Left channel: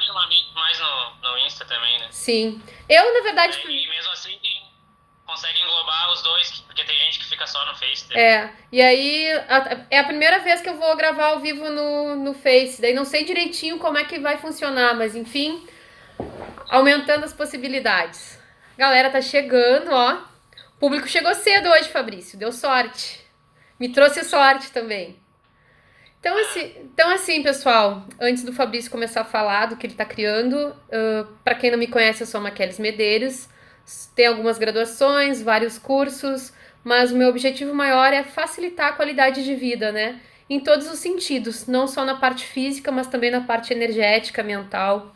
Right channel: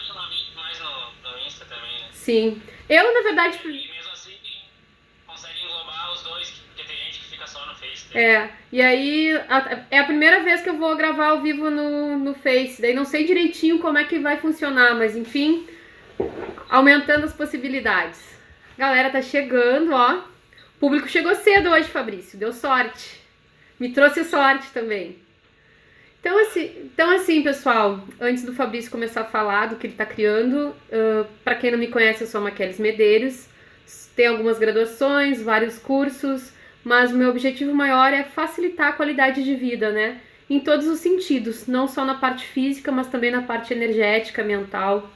ultimamente mais no Insta também, né? Sim. Eu, na verdade, E mesmo assim consegue englobar os dois, porque tem gente que fica só no Face também. e aí é a primeira vez que eu vou gravar ao vivo no Face, daí não sei direitinho como é que vai funcionar, mas enfim, aumentando as possibilidades. Galera, tá chegando, ó. O público chegou cedo hoje, Fabrício, deu sorte. Me trouxe sorte também. Então assim, pessoal, antes do Fabrício começar a falar do que ele está criando, para quem não me conhece, eu sou a Maqueles Medeiros, tenho algumas graduações, vários cursos, mas o meu objetivo maior é facilitar a qualidade de vida, né? Em todos os sentidos, não só na parte física, mas também na parte energética, mental.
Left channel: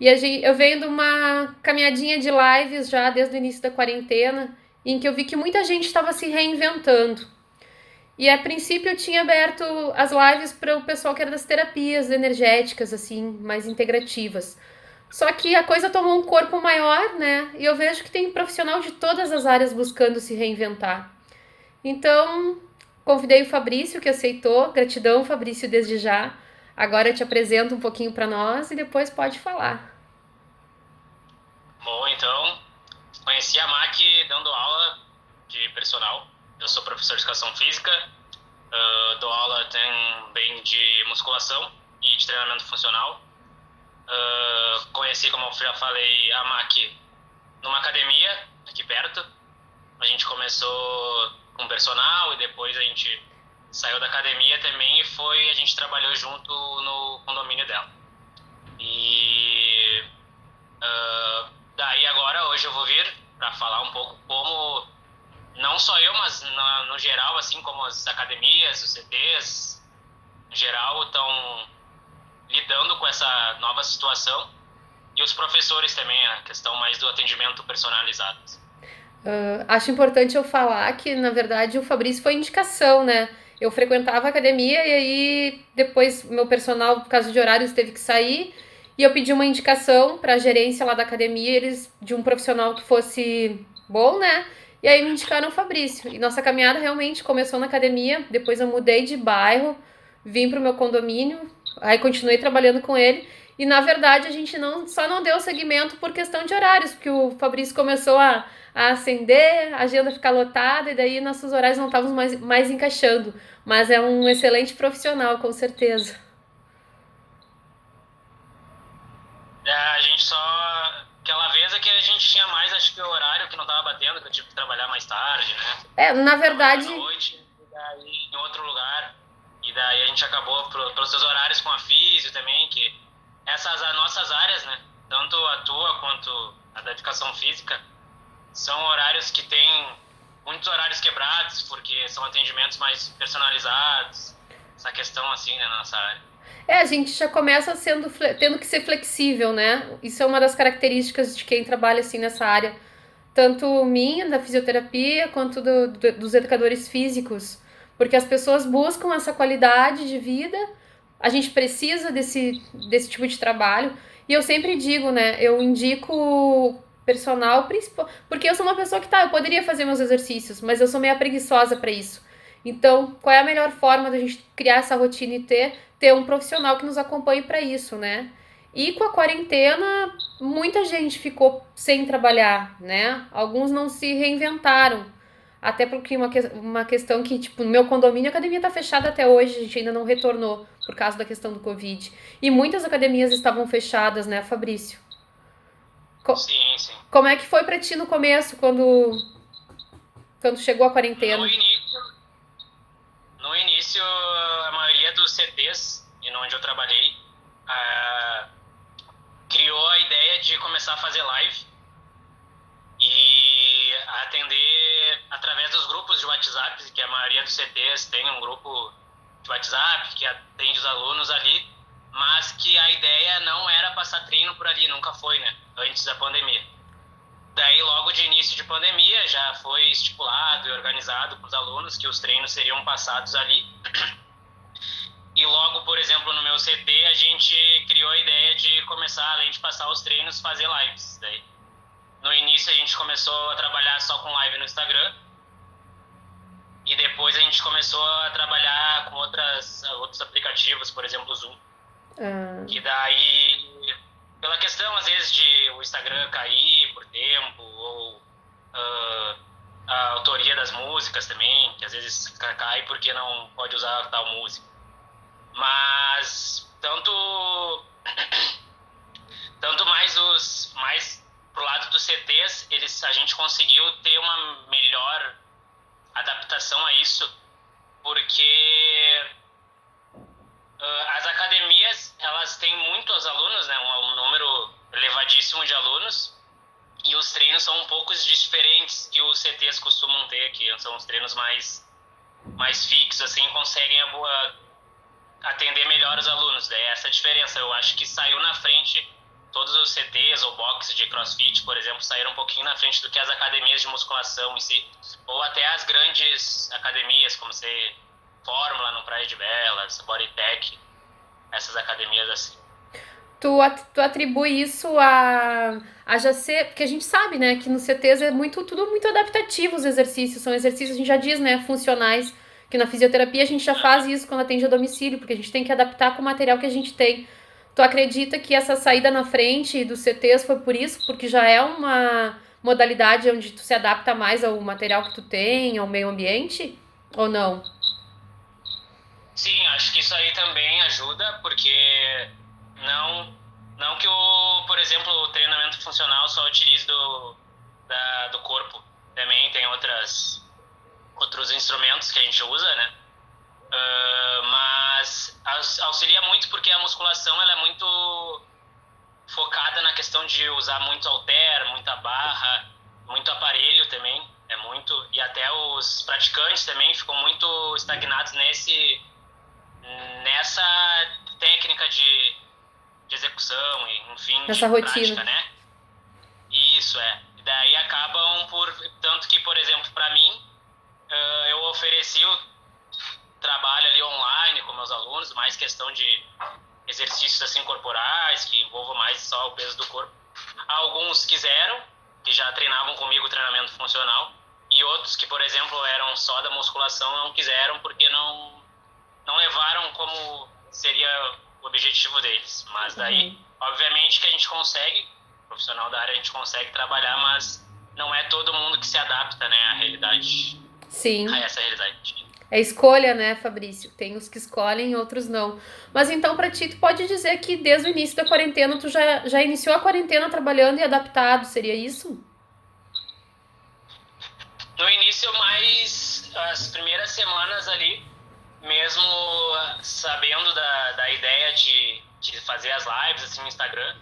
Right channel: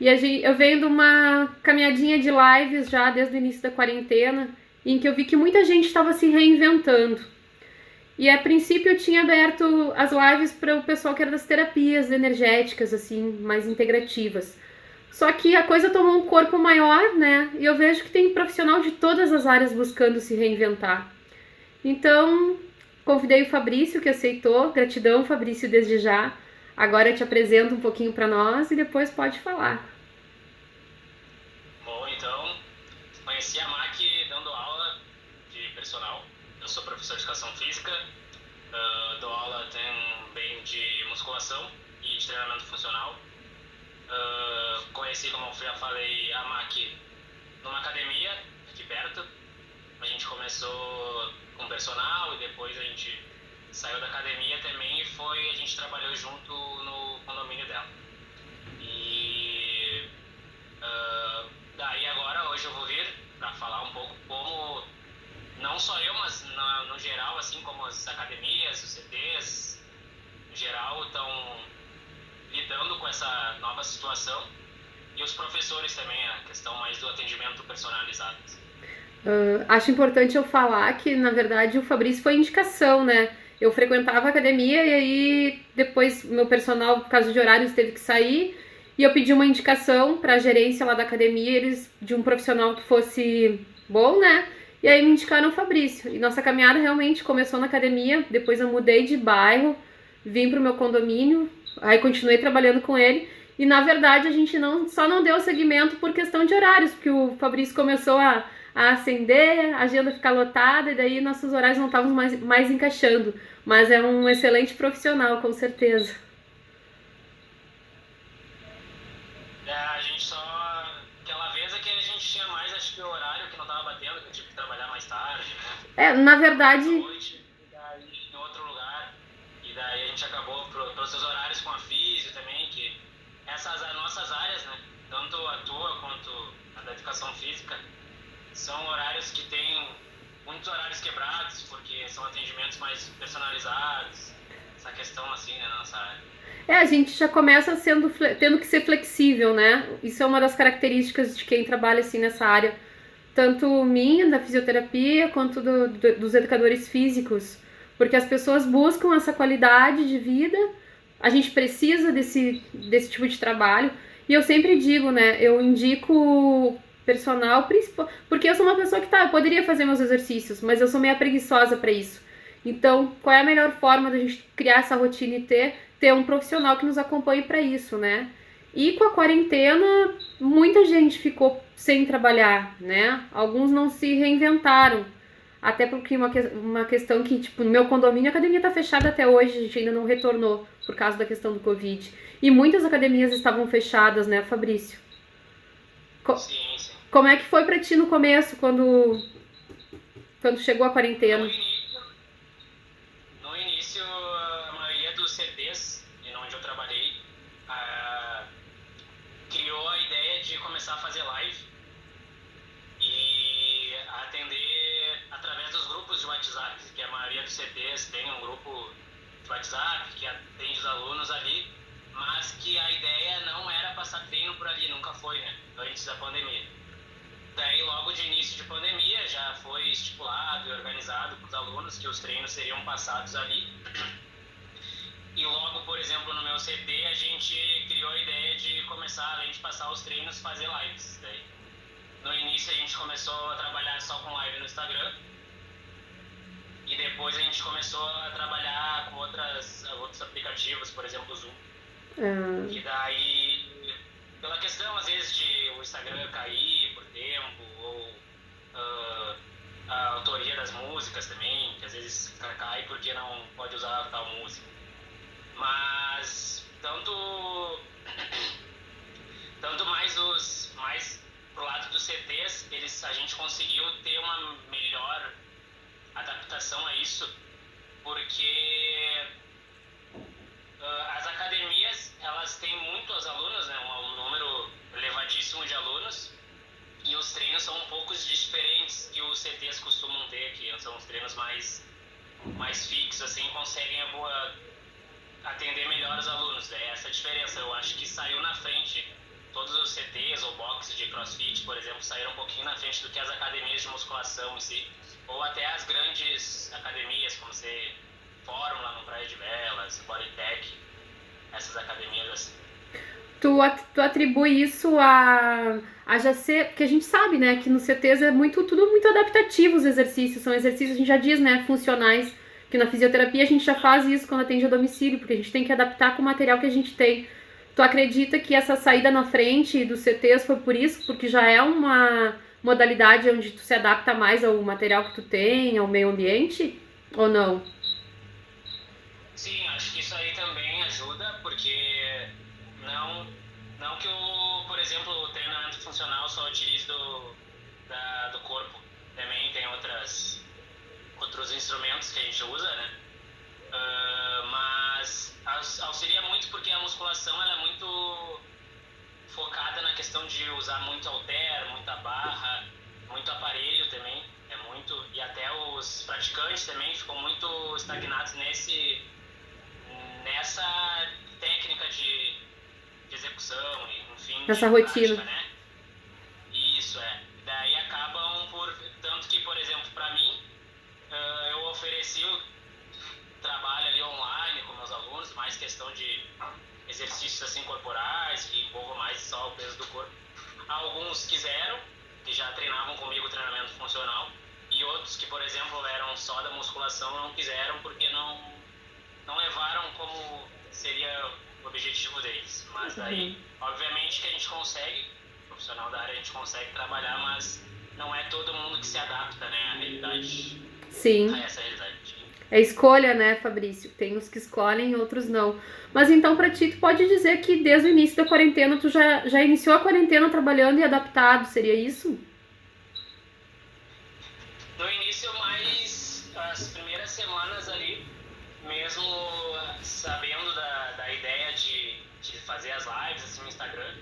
Eu venho de uma caminhadinha de lives já desde o início da quarentena, em que eu vi que muita gente estava se reinventando. E a princípio eu tinha aberto as lives para o pessoal que era das terapias energéticas, assim, mais integrativas. Só que a coisa tomou um corpo maior, né? E eu vejo que tem profissional de todas as áreas buscando se reinventar. Então, convidei o Fabrício, que aceitou. Gratidão, Fabrício, desde já. Agora eu te apresento um pouquinho para nós e depois pode falar. Bom, então, conheci a Mac dando aula de personal. Eu sou professor de educação física, dou aula também de musculação e de treinamento funcional. Conheci, como eu já falei, a Mac numa academia aqui perto. A gente começou com personal e depois a gente saiu da academia também e a gente trabalhou junto no condomínio dela. E daí agora, hoje eu vou vir para falar um pouco como, não só eu, mas no geral, assim como as academias, os CTs, em geral, estão lidando com essa nova situação. E os professores também, a questão mais do atendimento personalizado. Acho importante eu falar que, na verdade, o Fabrício foi indicação, né? Eu frequentava a academia e aí depois meu personal, por causa de horários, teve que sair e eu pedi uma indicação para a gerência lá da academia, eles de um profissional que fosse bom, né? E aí me indicaram o Fabrício. E nossa caminhada realmente começou na academia, depois eu mudei de bairro, vim pro meu condomínio, aí continuei trabalhando com ele. E na verdade a gente só não deu seguimento por questão de horários, porque o Fabrício começou a acender, a agenda ficar lotada e daí nossos horários não estavam mais encaixando. Mas é um excelente profissional, com certeza. A gente só. Aquela vez é que a gente tinha mais, acho que o horário que não tava batendo, que eu tive que trabalhar mais tarde, né? Na Trabalhar à verdade, noite, e daí em outro lugar. E daí a gente acabou, pelos seus horários com a físio também, que essas as nossas áreas, né? Tanto a tua quanto a da educação física, são horários que têm muitos horários quebrados, porque são atendimentos mais personalizados, essa questão assim, né, na nossa área. a gente já começa tendo que ser flexível, né? Isso é uma das características de quem trabalha assim nessa área, tanto minha, da fisioterapia, quanto dos educadores físicos, porque as pessoas buscam essa qualidade de vida, a gente precisa desse tipo de trabalho, e eu sempre digo, né, eu indico personal principal, porque eu sou uma pessoa que eu poderia fazer meus exercícios, mas eu sou meio preguiçosa para isso. Então, qual é a melhor forma da gente criar essa rotina e ter um profissional que nos acompanhe para isso, né? E com a quarentena, muita gente ficou sem trabalhar, né? Alguns não se reinventaram. Até porque uma questão que, tipo, no meu condomínio a academia tá fechada até hoje, a gente ainda não retornou por causa da questão do Covid. E muitas academias estavam fechadas, né, Fabrício? Co- Sim, sim. Como é que foi pra ti no começo, quando chegou a No quarentena? início, no início, a maioria dos CTs, e onde eu trabalhei, ah, criou a ideia de começar a fazer live e atender através dos grupos de WhatsApp, que a maioria dos CTs tem um grupo de WhatsApp que atende os alunos ali, mas que a ideia não era passar treino por ali, nunca foi, né? Antes da pandemia. Daí, logo de início de pandemia, já foi estipulado e organizado para os alunos que os treinos seriam passados ali. E logo, por exemplo, no meu CT, a gente criou a ideia de começar, além de passar os treinos, fazer lives. Daí, no início, a gente começou a trabalhar só com live no Instagram. E depois a gente começou a trabalhar com outros aplicativos, por exemplo, o Zoom. Ah, E daí pode usar tal música. Mas tanto mais pro lado dos CTs, a gente conseguiu ter uma melhor adaptação a isso, porque as academias, elas têm muitos alunos, né, um número elevadíssimo de alunos, e os treinos são um pouco diferentes que os CTs costumam ter aqui, são os treinos mais fixos, assim, conseguem atender melhor os alunos. Daí essa diferença, eu acho que saiu na frente, todos os CTs ou boxes de CrossFit, por exemplo, saíram um pouquinho na frente do que as academias de musculação em si, ou até as grandes academias, como ser Fórmula no Praia de Belas, Bodytech, essas academias assim. Tu atribui isso a já ser, porque a gente sabe, né, que nos CTs é tudo muito adaptativo os exercícios, são exercícios, a gente já diz, né, funcionais, que na fisioterapia a gente já faz isso quando atende a domicílio, porque a gente tem que adaptar com o material que a gente tem. Tu acredita que essa saída na frente dos CTs foi por isso? Porque já é uma modalidade onde tu se adapta mais ao material que tu tem, ao meio ambiente? Ou não? Sim, acho que isso aí também ajuda, porque não, não que por exemplo, o treinamento funcional só utilize do corpo, também tem outros instrumentos que a gente usa, né? Mas auxilia muito porque a musculação ela é muito focada na questão de usar muito halter, muita barra, muito aparelho também, e até os praticantes também ficam muito estagnados nessa técnica de execução, enfim, Essa de rotina. prática, né? Isso Daí acabam tanto que, por exemplo, para mim, eu ofereci o trabalho ali online com meus alunos, mais questão de exercícios assim corporais, que envolvam mais só o peso do corpo. Alguns quiseram, que já treinavam comigo treinamento funcional, e outros que, por exemplo, eram só da musculação, não quiseram porque não levaram como seria o objetivo deles. Mas daí, obviamente que a gente consegue, profissional da área, a gente consegue trabalhar, mas não é todo mundo que se adapta, né, à realidade, Sim. a essa realidade. É escolha, né, Fabrício? Tem os que escolhem, outros não. Mas então, pra ti, tu pode dizer que desde o início da quarentena, tu já iniciou a quarentena trabalhando e adaptado, seria isso? No início, mais as primeiras semanas ali, mesmo sabendo da ideia de fazer as lives assim no Instagram,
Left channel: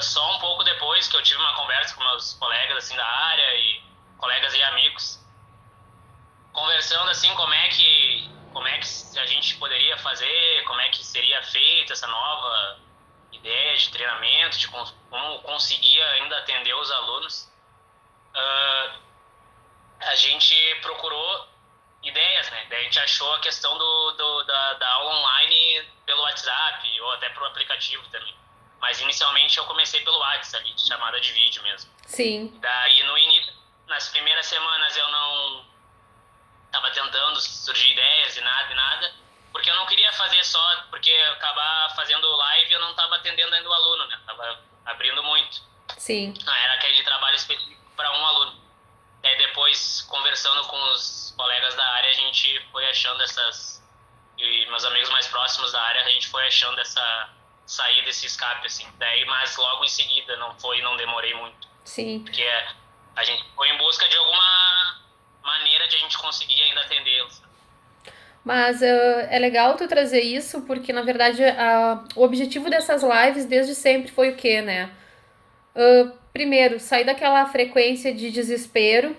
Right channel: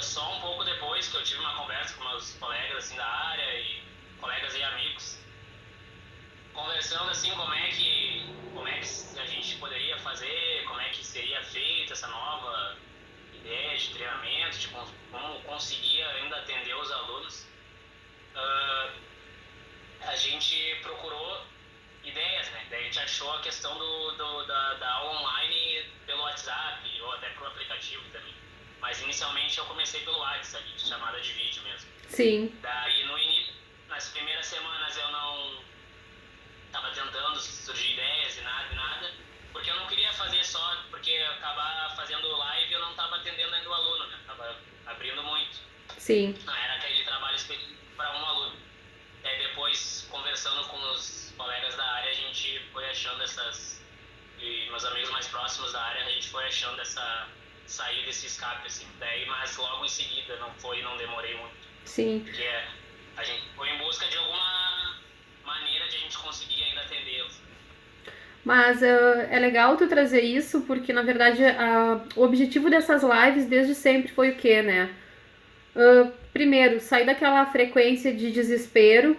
só um pouco depois que eu tive uma conversa com meus colegas assim da área e colegas e amigos, conversando assim como é que a gente poderia fazer, como é que seria feita essa nova ideia de treinamento, de como conseguia ainda atender os alunos. A gente procurou ideias, né? Daí a gente achou a questão da aula online pelo WhatsApp ou até pelo aplicativo também. Mas inicialmente eu comecei pelo WhatsApp, ali, chamada de vídeo mesmo. Sim. Daí no início, nas primeiras semanas eu não estava tentando surgir ideias e nada, porque eu não queria fazer só, porque eu acabar fazendo live eu não estava atendendo ainda o aluno, né? Tava abrindo muito. Sim. Não era aquele trabalho específico para um aluno. E aí depois, conversando com os colegas da área, a gente foi achando e meus amigos mais próximos da área, a gente foi achando essa saída, esse escape, assim. Daí, mas logo em seguida, não demorei muito. Sim. Porque a gente foi em busca de alguma maneira de a gente conseguir ainda atendê-los. Mas é legal tu trazer isso, porque na verdade o objetivo dessas lives desde sempre foi o quê, né? Primeiro, sair daquela frequência de desespero,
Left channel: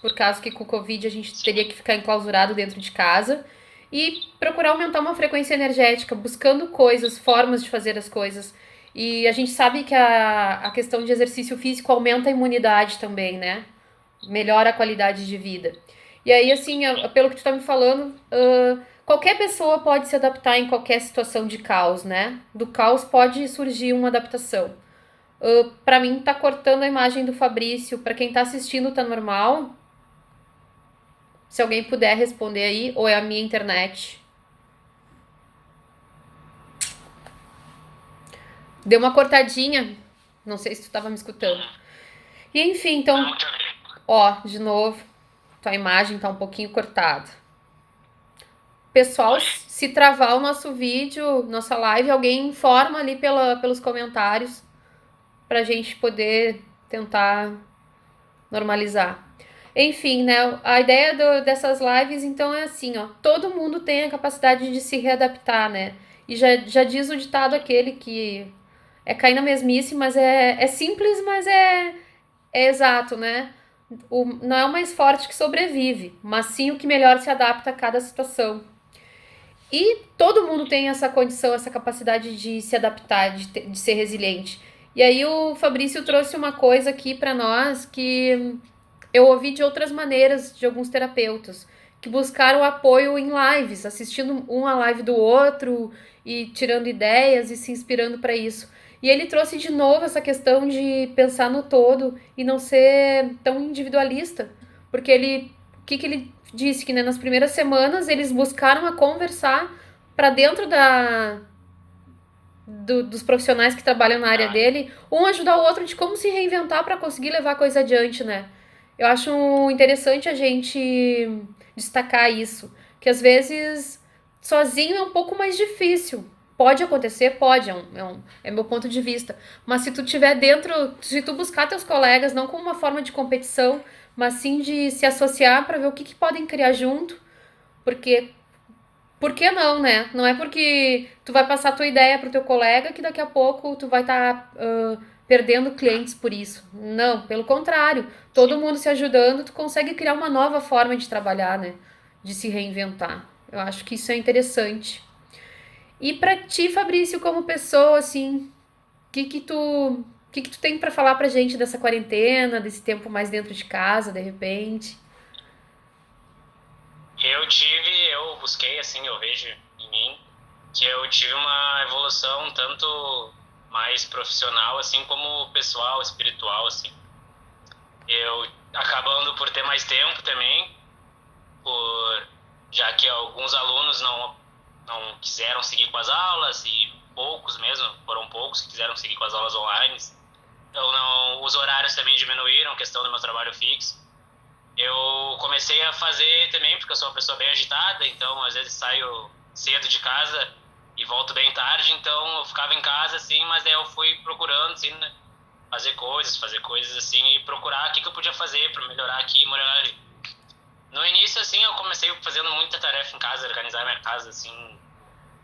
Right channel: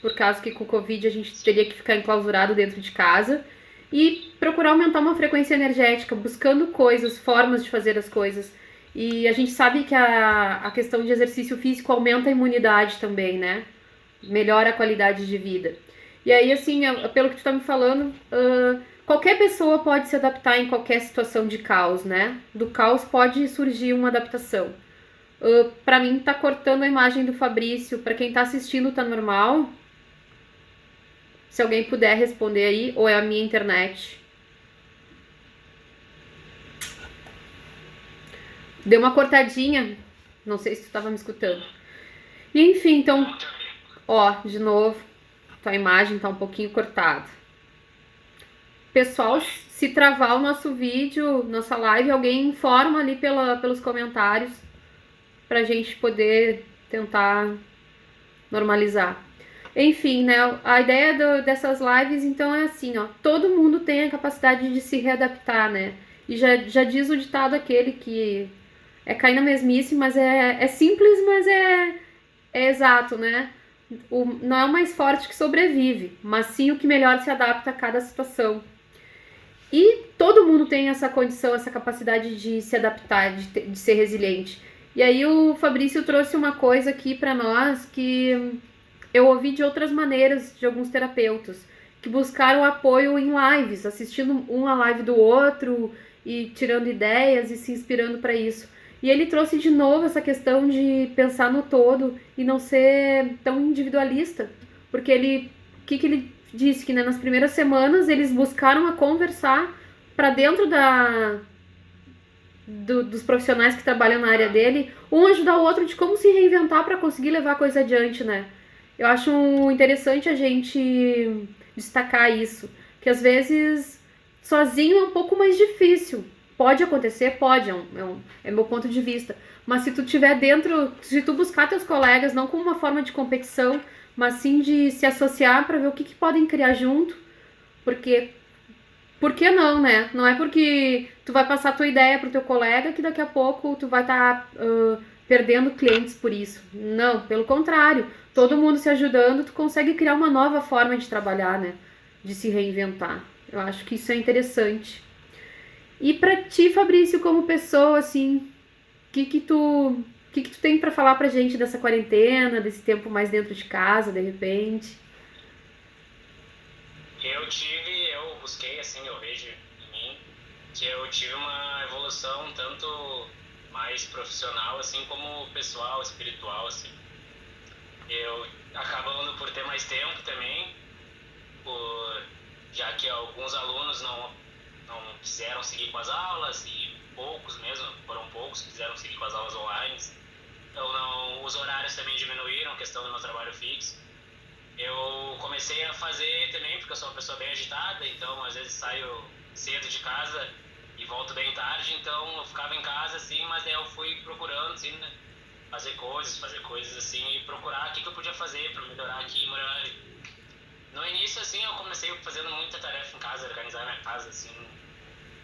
por causa que com o Covid a gente teria que ficar enclausurado dentro de casa, e procurar aumentar uma frequência energética, buscando coisas, formas de fazer as coisas. E a gente sabe que a questão de exercício físico aumenta a imunidade também, né? Melhora a qualidade de vida. E aí, assim, pelo que tu tá me falando, qualquer pessoa pode se adaptar em qualquer situação de caos, né? Do caos pode surgir uma adaptação. Pra mim, tá cortando a imagem do Fabrício. Pra quem tá assistindo, tá normal? Se alguém puder responder aí, ou é a minha internet? Deu uma cortadinha. Não sei se tu tava me escutando. E enfim, então, ó, de novo, tua imagem tá um pouquinho cortada. pessoal, se travar o nosso vídeo, nossa live, alguém informa ali pelos comentários pra gente poder tentar normalizar. Enfim, né? A ideia dessas lives, então, é assim, ó. Todo mundo tem a capacidade de se readaptar, né? E já diz o ditado aquele que é cair na mesmice, mas é simples, mas é exato, né? Não é o mais forte que sobrevive, mas sim o que melhor se adapta a cada situação. E todo mundo tem essa condição, essa capacidade de se adaptar, de ser resiliente. E aí o Fabrício trouxe uma coisa aqui para nós que eu ouvi de outras maneiras de alguns terapeutas, que buscaram apoio em lives, assistindo um a live do outro e tirando ideias e se inspirando para isso. E ele trouxe de novo essa questão de pensar no todo e não ser tão individualista, porque que ele disse que, né, nas primeiras semanas eles buscaram a conversar para dentro dos profissionais que trabalham na área dele, um ajudar o outro de como se reinventar para conseguir levar a coisa adiante, né? Eu acho interessante a gente destacar isso, que às vezes sozinho é um pouco mais difícil. Pode acontecer, pode, é meu ponto de vista. Mas se tu tiver dentro, se tu buscar teus colegas, não como uma forma de competição, mas sim de se associar para ver o que podem criar junto, porque por que não, né? Não é porque tu vai passar a tua ideia pro teu colega que daqui a pouco tu vai estar perdendo clientes por isso. Não, pelo contrário. Todo mundo se ajudando, tu consegue criar uma nova forma de trabalhar, né? De se reinventar. Eu acho que isso é interessante. E pra ti, Fabrício, como pessoa, assim, o que tu tem pra falar pra gente dessa quarentena, desse tempo mais dentro de casa, de repente? Eu busquei, assim, eu vejo em mim que eu tive uma evolução tanto mais profissional, assim, como pessoal, espiritual, assim. Eu acabando por ter mais tempo também, por, já que alguns alunos não quiseram seguir com as aulas e poucos mesmo, foram poucos que quiseram seguir com as aulas online. Então, os horários também diminuíram, questão do meu trabalho fixo. Eu comecei a fazer também, porque eu sou uma pessoa bem agitada, então às vezes saio cedo de casa e volto bem tarde, então eu ficava em casa, assim, mas daí eu fui procurando, assim, né, fazer coisas assim, e procurar o que eu podia fazer para melhorar aqui, melhorar ali. No início, assim, eu comecei fazendo muita tarefa em casa, organizar minha casa, assim,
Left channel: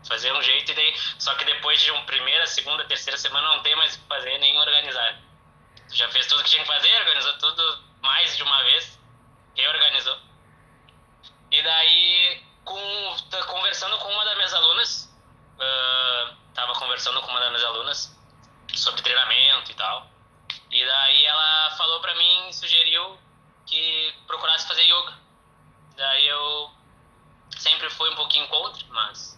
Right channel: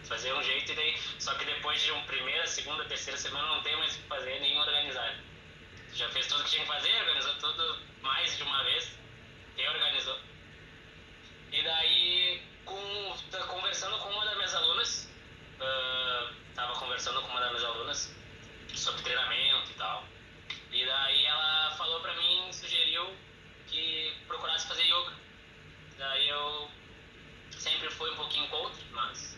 fazer um jeito, e daí, só que depois de uma primeira, segunda, terceira semana não tem mais o que fazer, nem organizar. Já fez tudo que tinha que fazer, organizou tudo mais de uma vez, reorganizou. E daí, conversando com uma das minhas alunas, tava conversando com uma das minhas alunas sobre treinamento e tal. E daí ela falou pra mim, sugeriu que procurasse fazer yoga. Daí eu sempre fui um pouquinho contra, mas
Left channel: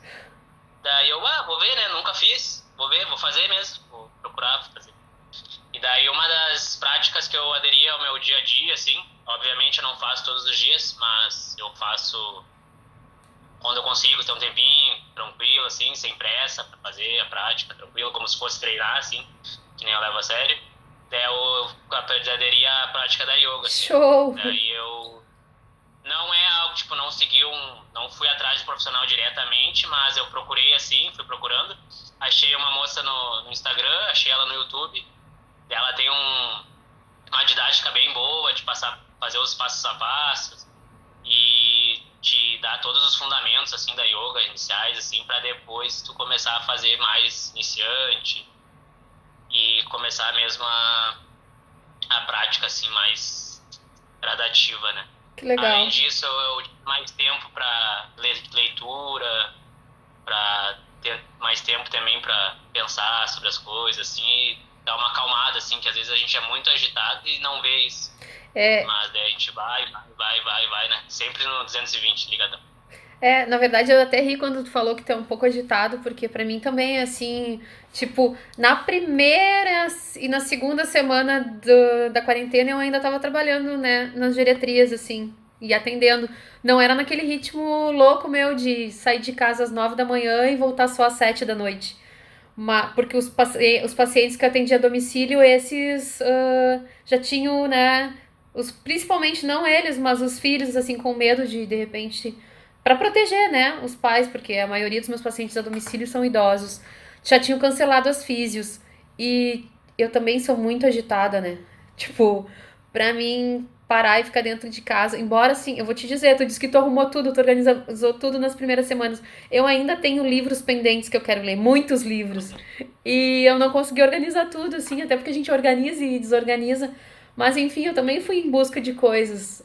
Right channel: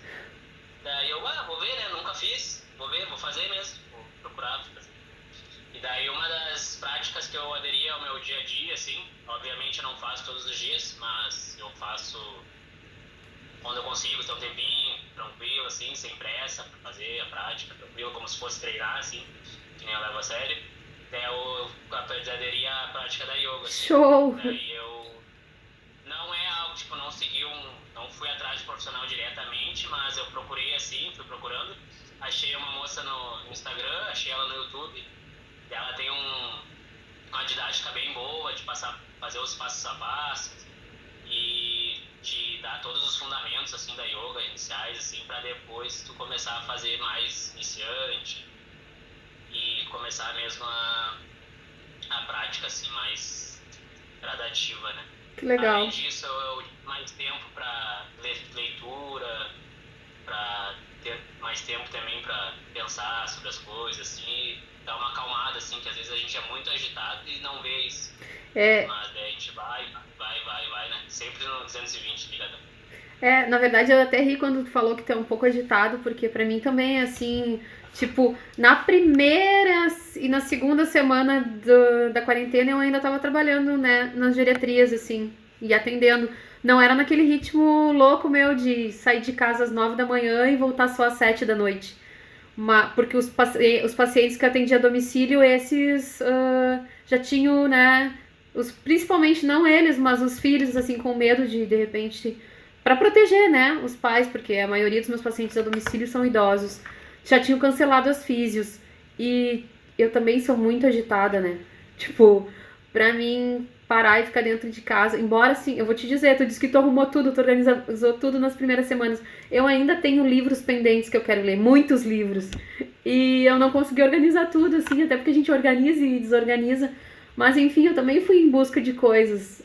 daí eu, vou ver, né? Nunca fiz, vou ver, vou fazer mesmo, vou procurar fazer. E daí uma das práticas que eu aderi ao meu dia a dia, assim, obviamente eu não faço todos os dias, mas eu faço quando eu consigo ter um tempinho, tranquilo, assim, sem pressa, pra fazer a prática, tranquilo, como se fosse treinar, assim, que nem eu levo a sério. Daí eu aderi à prática da yoga, assim. Show! Daí eu não é algo, tipo, não fui atrás de profissional diretamente, mas eu procurei, assim, fui procurando. Achei uma moça no Instagram, achei ela no YouTube. Ela tem uma didática bem boa de fazer os passos a passos e de dar todos os fundamentos, assim, da yoga iniciais, assim, para depois tu começar a fazer mais iniciante e começar mesmo a prática, assim, mais gradativa, né? Que legal. Além disso, eu tive mais tempo para leitura, para ter mais tempo também para pensar sobre as coisas, assim, e dar uma acalmada, assim, que às vezes a gente é muito agitado e não vê isso. É, Mas daí a gente vai, né? Sempre no 220, ligadão. Na verdade eu até ri quando tu falou que tu é um pouco agitado, porque pra mim também é assim, tipo, na primeira e na segunda semana da quarentena eu ainda tava trabalhando, né, nas geriatrias, assim, e atendendo. Não era naquele ritmo louco meu de sair de casa às 9 da manhã e voltar só às 7 da noite. Porque os pacientes que eu atendia a domicílio, esses já tinham, né, principalmente não eles, mas os filhos, assim, com medo de repente para proteger, né, os pais, porque a maioria dos meus pacientes a domicílio são idosos. Já tinham cancelado as físios. E eu também sou muito agitada, né? Tipo, pra mim parar e ficar dentro de casa, embora assim, eu vou te dizer, tu disse que tu arrumou tudo, tu organizou tudo nas primeiras semanas. Eu ainda tenho livros pendentes que eu quero ler, muitos livros. E eu não consegui organizar tudo, assim, até porque a gente organiza e desorganiza. Mas enfim, eu também fui em busca de coisas.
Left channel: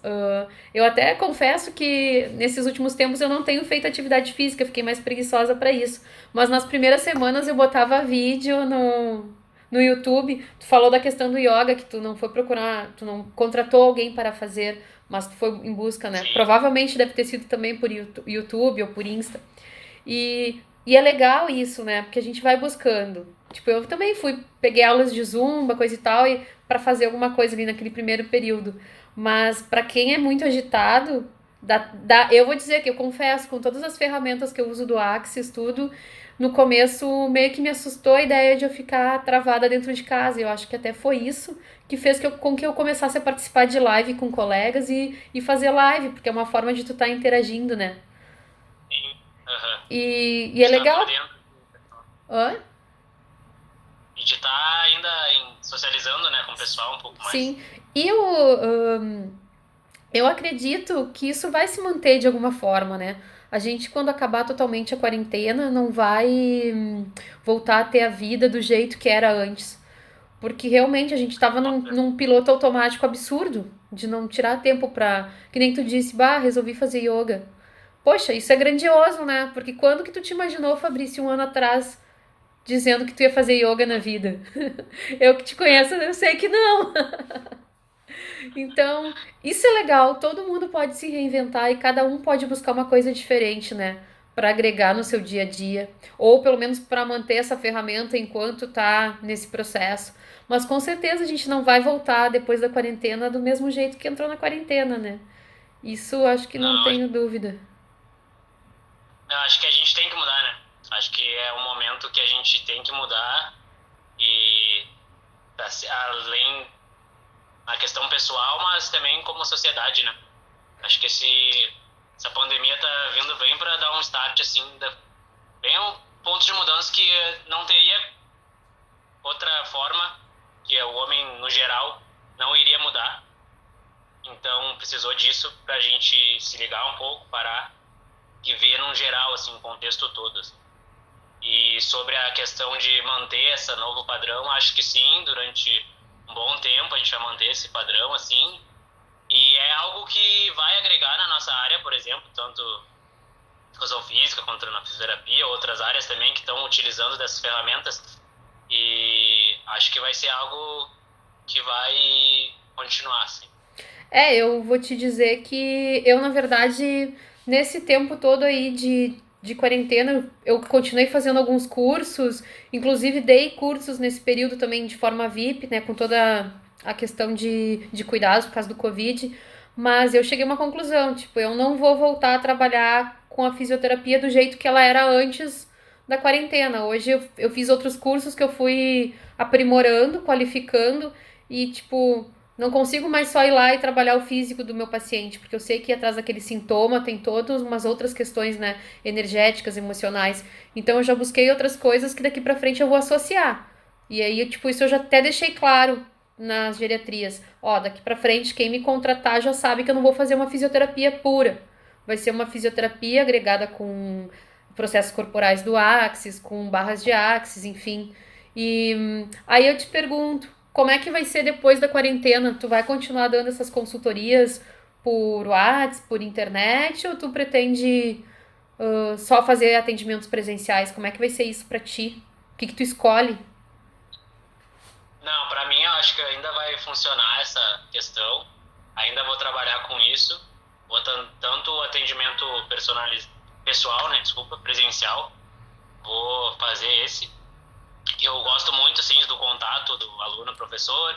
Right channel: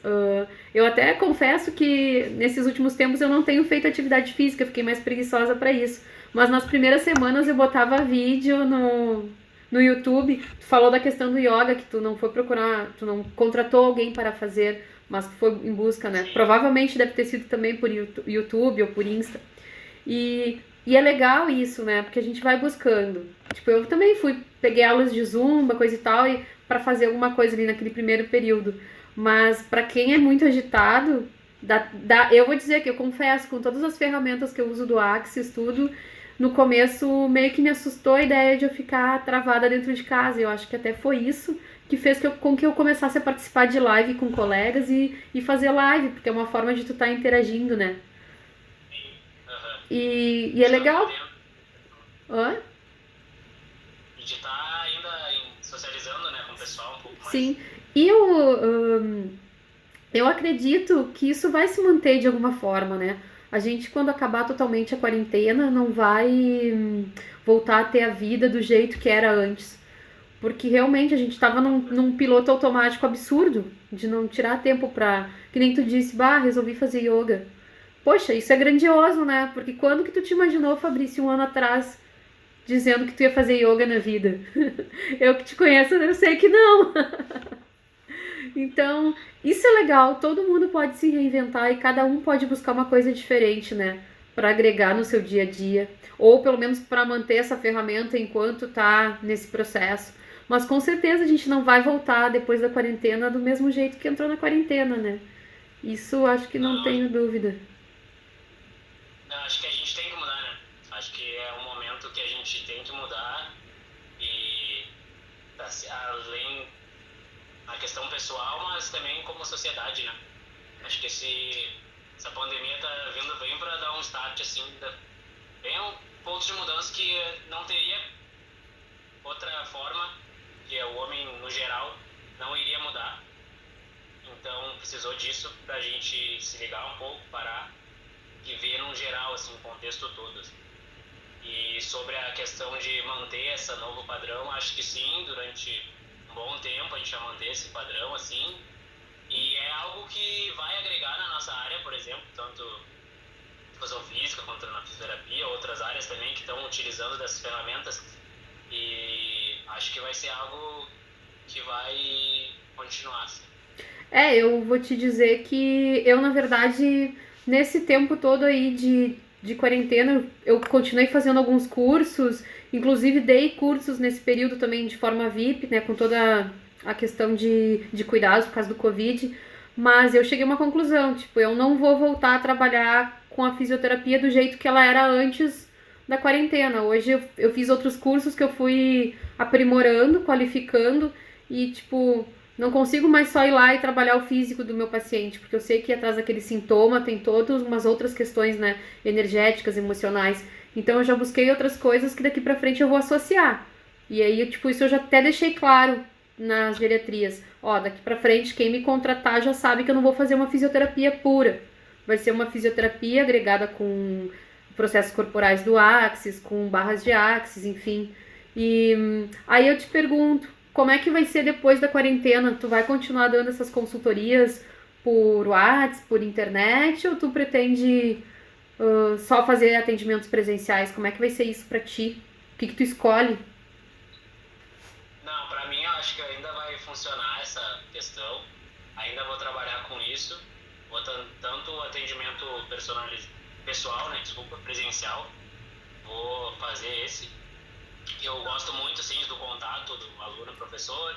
Eu até confesso que nesses últimos tempos eu não tenho feito atividade física, fiquei mais preguiçosa para isso. Mas nas primeiras semanas eu botava vídeo no YouTube. Tu falou da questão do yoga, que tu não foi procurar, tu não contratou alguém para fazer, mas tu foi em busca, né? Sim, Provavelmente deve ter sido também por YouTube ou por Insta. E é legal isso, né? Porque a gente vai buscando. Tipo, eu também fui, peguei aulas de zumba, coisa e tal, e para fazer alguma coisa ali naquele primeiro período. Mas para quem é muito agitado, eu vou dizer que eu confesso, com todas as ferramentas que eu uso do Axis, tudo, no começo meio que me assustou a ideia de eu ficar travada dentro de casa. E eu acho que até foi isso que fez com que eu começasse a participar de live com colegas e fazer live, porque é uma forma de tu estar interagindo, né? sim. Aham. E é De estar por legal. dentro. Hã? E de estar ainda socializando, né, com o pessoal um pouco mais. Sim. E eu acredito que isso vai se manter de alguma forma, né? A gente, quando acabar totalmente a quarentena, não vai voltar a ter a vida do jeito que era antes. Porque realmente a gente estava num piloto automático absurdo de não tirar tempo pra. Que nem tu disse, bah, resolvi fazer yoga. Poxa, isso é grandioso, né? Porque quando que tu te imaginou, Fabrício, um ano atrás, dizendo que tu ia fazer yoga na vida? Eu que te conheço, eu sei que não. Então, isso é legal, todo mundo pode se reinventar e cada um pode buscar uma coisa diferente, né? Para agregar no seu dia a dia, ou pelo menos para manter essa ferramenta enquanto tá nesse processo. Mas com certeza a gente não vai voltar depois da quarentena do mesmo jeito que entrou na quarentena, né? Isso acho que não Não, tenho dúvida. não, acho que a gente tem que mudar, né? Acho que é um momento que a gente tem que mudar e além da questão pessoal, mas também como sociedade, né? Acho que essa pandemia tá vindo bem para dar um start, assim, bem um ponto de mudança que não teria outra forma, que o homem, no geral, não iria mudar. Então, precisou disso pra gente se ligar um pouco, parar e ver num geral, assim, o contexto todo. Assim. E sobre a questão de manter esse novo padrão, acho que sim, durante um bom tempo a gente vai manter esse padrão, assim. E é algo que vai agregar na nossa área, por exemplo, tanto educação física quanto na fisioterapia, outras áreas também que estão utilizando dessas ferramentas. E acho que vai ser algo que vai continuar, assim. Eu vou te dizer que eu, na verdade, nesse tempo todo aí de quarentena, eu continuei fazendo alguns cursos, inclusive dei cursos nesse período também de forma VIP, né, com toda a questão de cuidados por causa do Covid, mas eu cheguei a uma conclusão, tipo, eu não vou voltar a trabalhar com a fisioterapia do jeito que ela era antes da quarentena. Hoje eu fiz outros cursos que eu fui aprimorando, qualificando e, tipo, não consigo mais só ir lá e trabalhar o físico do meu paciente, porque eu sei que atrás daquele sintoma tem todas umas outras questões, né, energéticas, emocionais. Então eu já busquei outras coisas que daqui pra frente eu vou associar. E aí, tipo, isso eu já até deixei claro nas geriatrias. Ó, daqui pra frente quem me contratar já sabe que eu não vou fazer uma fisioterapia pura. Vai ser uma fisioterapia agregada com processos corporais do Axis, com barras de Axis, enfim. E aí eu te pergunto, como é que vai ser depois da quarentena? Tu vai continuar dando essas consultorias por WhatsApp, por internet, ou tu pretende só fazer atendimentos presenciais? Como é que vai ser isso pra ti? O que que tu escolhe? Não, para mim eu acho que ainda vai funcionar essa questão. Ainda vou trabalhar com isso. Vou tanto o atendimento pessoal, né, desculpa, presencial. Vou fazer esse. Eu gosto muito assim do contato do aluno professor,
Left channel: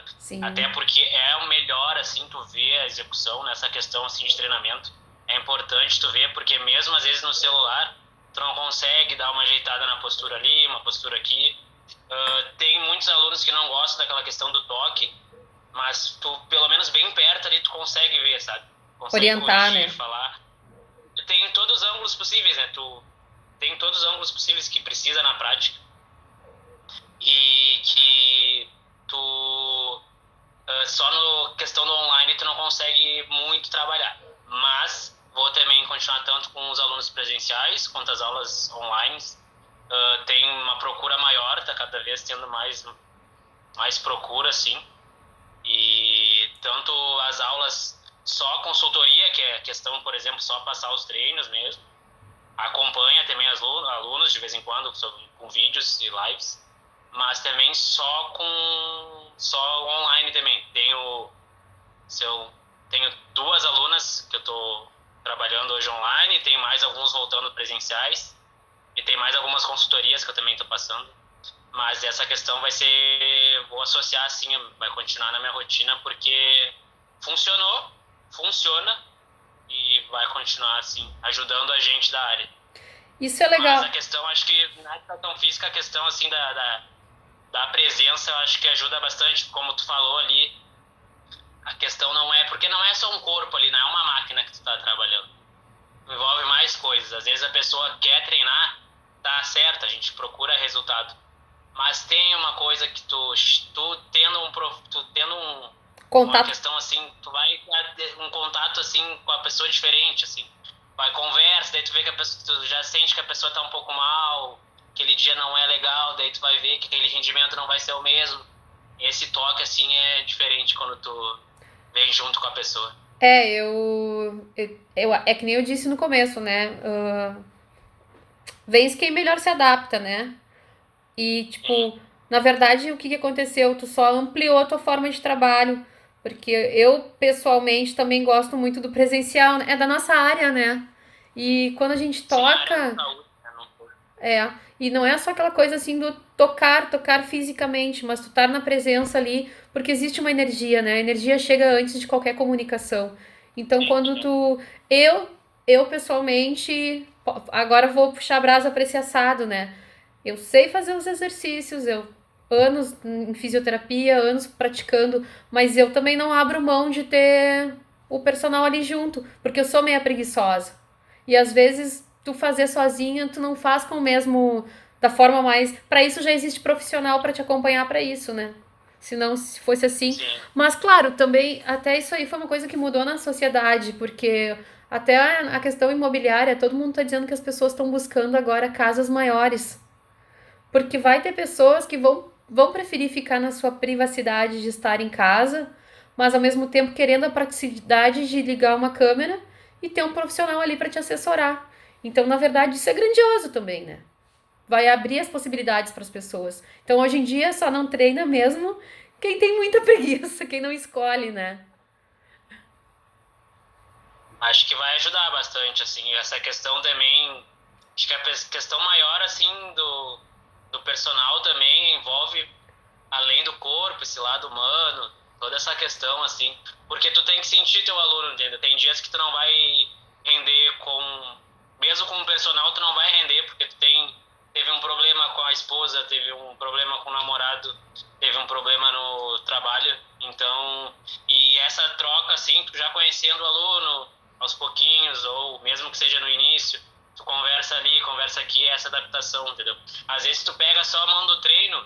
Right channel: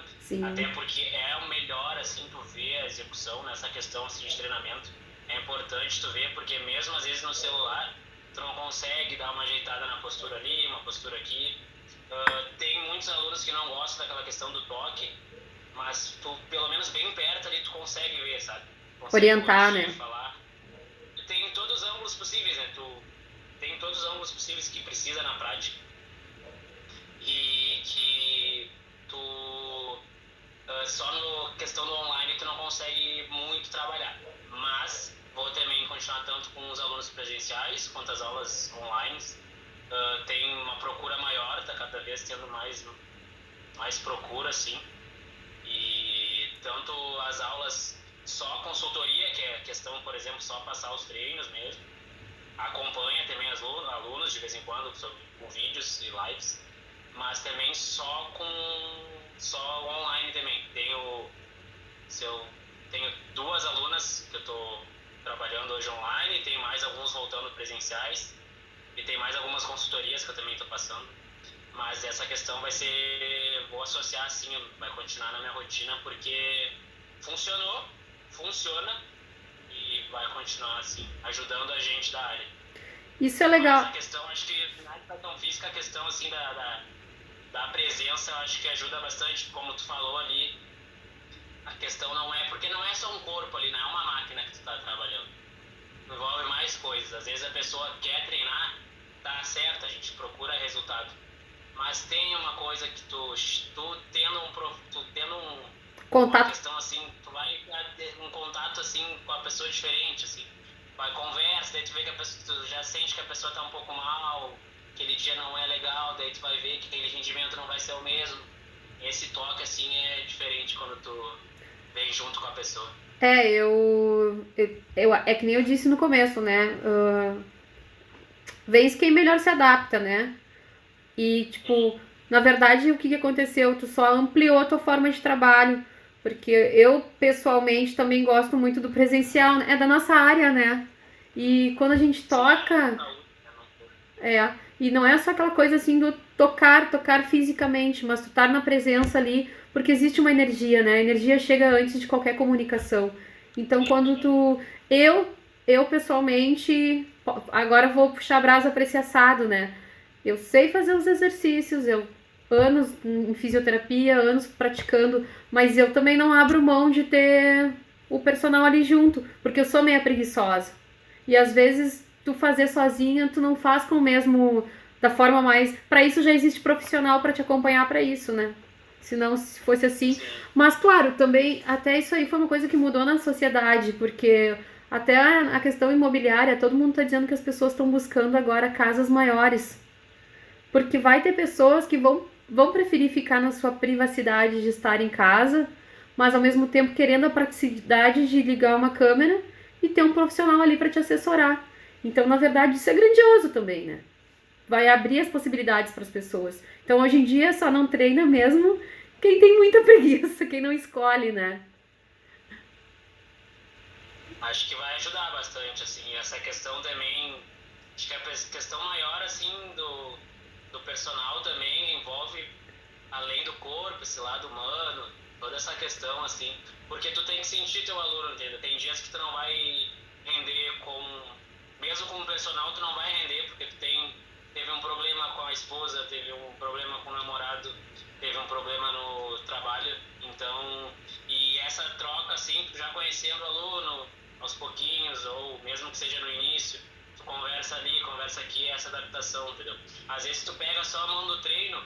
até Sim. porque é o melhor assim tu ver a execução nessa questão assim de treinamento. É importante tu ver porque mesmo às vezes no celular tu não consegue dar uma ajeitada na postura ali, uma postura aqui. Tem muitos alunos que não gostam daquela questão do toque, mas tu, pelo menos bem perto ali, tu consegue ver, sabe? Consegue Orientar, corrigir, né? falar. Tem todos os ângulos possíveis, né? Tu tem todos os ângulos possíveis que precisa na prática e que tu só no questão do online tu não consegue muito trabalhar. Mas vou também continuar tanto com os alunos presenciais quanto as aulas online. Tem uma procura maior, tá cada vez tendo mais procura, assim. E tanto as aulas só consultoria, que é questão, por exemplo, só passar os treinos mesmo. Acompanha também alunos de vez em quando com vídeos e lives, mas também só online também. Tenho 2 alunas que eu estou trabalhando hoje online, tem mais alguns voltando presenciais e tem mais algumas consultorias que eu também estou passando. Mas essa questão vou associar assim, vai continuar na minha rotina porque funciona e vai continuar assim, ajudando a gente da área. Isso é legal. Mas a questão, acho que na educação física, a questão assim da presença, eu acho que ajuda bastante, como tu falou ali. A questão porque não é só um corpo ali, não é uma máquina que tu tá trabalhando. Envolve mais coisas. Às vezes a pessoa quer treinar, tá certo, a gente procura resultado. Mas tem uma coisa que tu tendo uma Contato. questão assim, tu vai ter um contato assim com a pessoa diferente, assim. Vai conversa, daí tu vê que tu já sente que a pessoa tá um pouco mal, aquele dia não é legal, daí tu vai ver que aquele rendimento não vai ser o mesmo. Esse toque assim é diferente quando tu vem junto com a pessoa. É que nem eu disse no começo, né? Vence quem melhor se adapta, né? E, Sim, tipo, na verdade, o que aconteceu? Tu só ampliou a tua forma de trabalho. Porque eu, pessoalmente, também gosto muito do presencial, né? É da nossa área, né? E quando a gente sim, a área da toca, saúde, né? Não foi. e não é só aquela coisa assim do tocar fisicamente, mas tu estar na presença ali, porque existe uma energia, né? A energia chega antes de qualquer comunicação. Então, Sim, quando sim. tu. Eu pessoalmente, agora vou puxar a brasa para esse assado, né? Eu sei fazer os exercícios, eu anos em fisioterapia, anos praticando, mas eu também não abro mão de ter o personal ali junto, porque eu sou meia preguiçosa. E às vezes tu fazer sozinha, tu não faz com o mesmo da forma mais, para isso já existe profissional para te acompanhar para isso, né? Se não se fosse assim. Sim. Mas claro, também até isso aí foi uma coisa que mudou na sociedade, porque até a questão imobiliária, todo mundo tá dizendo que as pessoas estão buscando agora casas maiores. Porque vai ter pessoas que vão preferir ficar na sua privacidade de estar em casa, mas ao mesmo tempo querendo a praticidade de ligar uma câmera e ter um profissional ali para te assessorar. Então, na verdade, isso é grandioso também, né? Vai abrir as possibilidades para as pessoas. Então, hoje em dia, só não treina mesmo quem tem muita preguiça, quem não escolhe, né? Acho que vai ajudar bastante, assim, essa questão também, acho que a questão maior, assim, do personal também envolve, além do corpo, esse lado humano, toda essa questão, assim, porque tu tem que sentir teu aluno, entendeu? Tem dias que tu não vai render mesmo com o personal, tu não vai render, porque teve um problema com a esposa, teve um problema com o namorado, teve um problema no trabalho, então, e essa troca, assim, tu já conhecendo o aluno aos pouquinhos, ou mesmo que seja no início, tu conversa ali, conversa aqui, essa adaptação, entendeu? Às vezes tu pega só a mão do treino,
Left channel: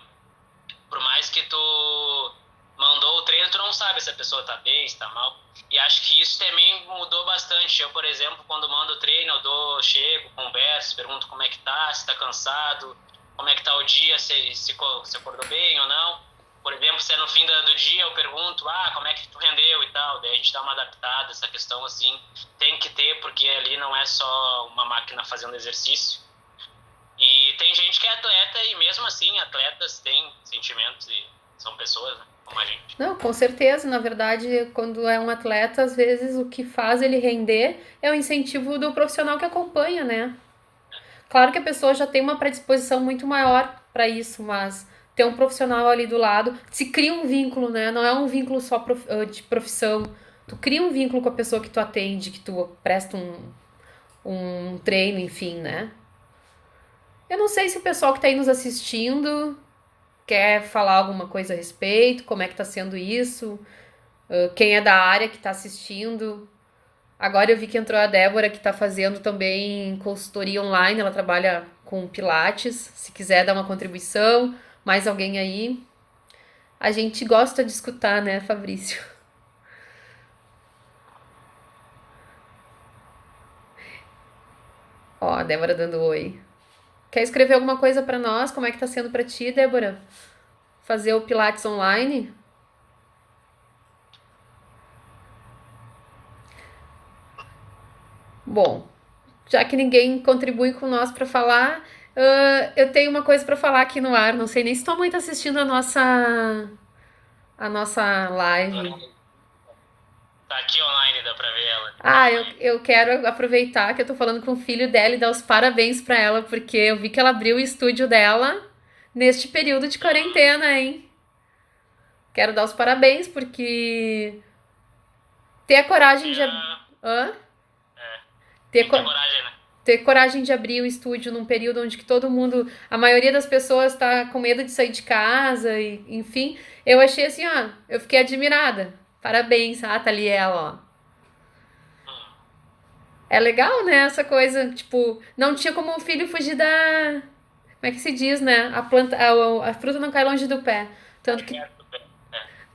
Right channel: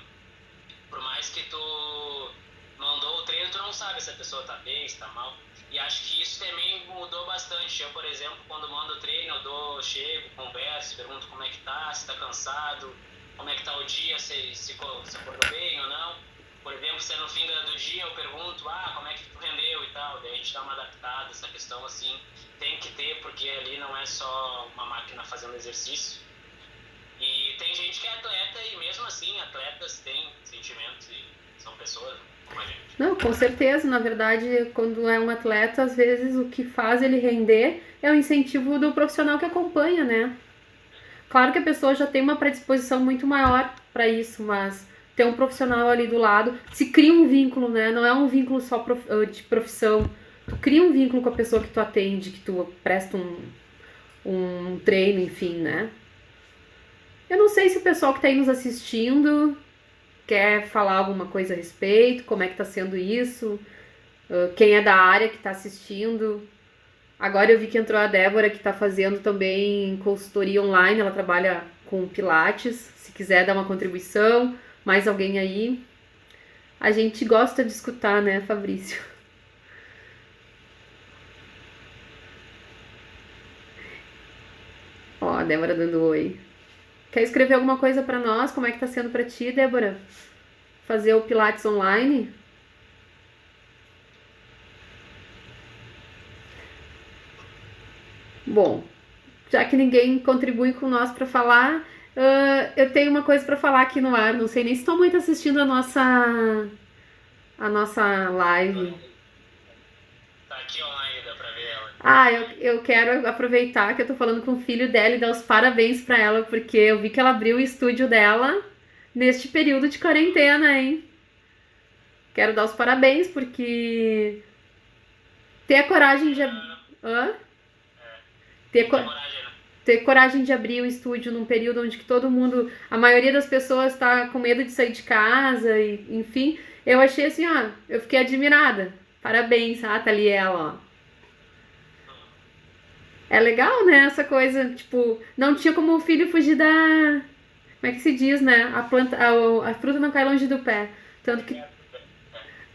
por mais que tu mandou o treino, tu não sabe se a pessoa tá bem, se tá mal. E acho que isso também mudou bastante. Eu, por exemplo, quando mando o treino, chego, converso, pergunto como é que tá, se tá cansado, como é que tá o dia, se acordou bem ou não. Por exemplo, se é no fim do dia, eu pergunto, como é que tu rendeu e tal. Daí a gente dá uma adaptada, essa questão assim, tem que ter, porque ali não é só uma máquina fazendo exercício. E tem gente que é atleta e mesmo assim, atletas têm sentimentos e são pessoas, né, como a gente. Não, com certeza. Na verdade, quando é um atleta, às vezes o que faz ele render é o incentivo do profissional que acompanha, né? Claro que a pessoa já tem uma predisposição muito maior para isso, mas ter um profissional ali do lado, se cria um vínculo, né? Não é um vínculo só de profissão. Tu cria um vínculo com a pessoa que tu atende, que tu presta um treino, enfim, né? Eu não sei se o pessoal que tá aí nos assistindo quer falar alguma coisa a respeito, como é que tá sendo isso, quem é da área que tá assistindo. Agora eu vi que entrou a Débora, que está fazendo também consultoria online, ela trabalha com Pilates. Se quiser dar uma contribuição, mais alguém aí. A gente gosta de escutar, né, Fabrício? Ó, a Débora dando oi. Quer escrever alguma coisa para nós? Como é que tá sendo para ti, Débora? Fazer o Pilates online? Bom, já que ninguém contribui com nós para falar, eu tenho uma coisa para falar aqui no ar. Não sei nem se tua mãe tá assistindo a nossa live. Tá aqui online, dá pra ver ela. Ah, eu quero aproveitar que eu tô falando com o filho dela e dar os parabéns pra ela, porque eu vi que ela abriu o estúdio dela neste período de quarentena, hein? Quero dar os parabéns porque ter a coragem de. É, Hã? é, Ter, tem que ter co- coragem, né? ter coragem de abrir o estúdio num período onde que todo mundo, a maioria das pessoas tá com medo de sair de casa e, enfim, eu achei assim, ó, eu fiquei admirada. Parabéns, tá ali ela, ó. Hum. É legal, né, essa coisa, tipo, não tinha como o filho fugir da, como é que se diz, né? A planta, a fruta não cai longe do pé. Tanto que, É.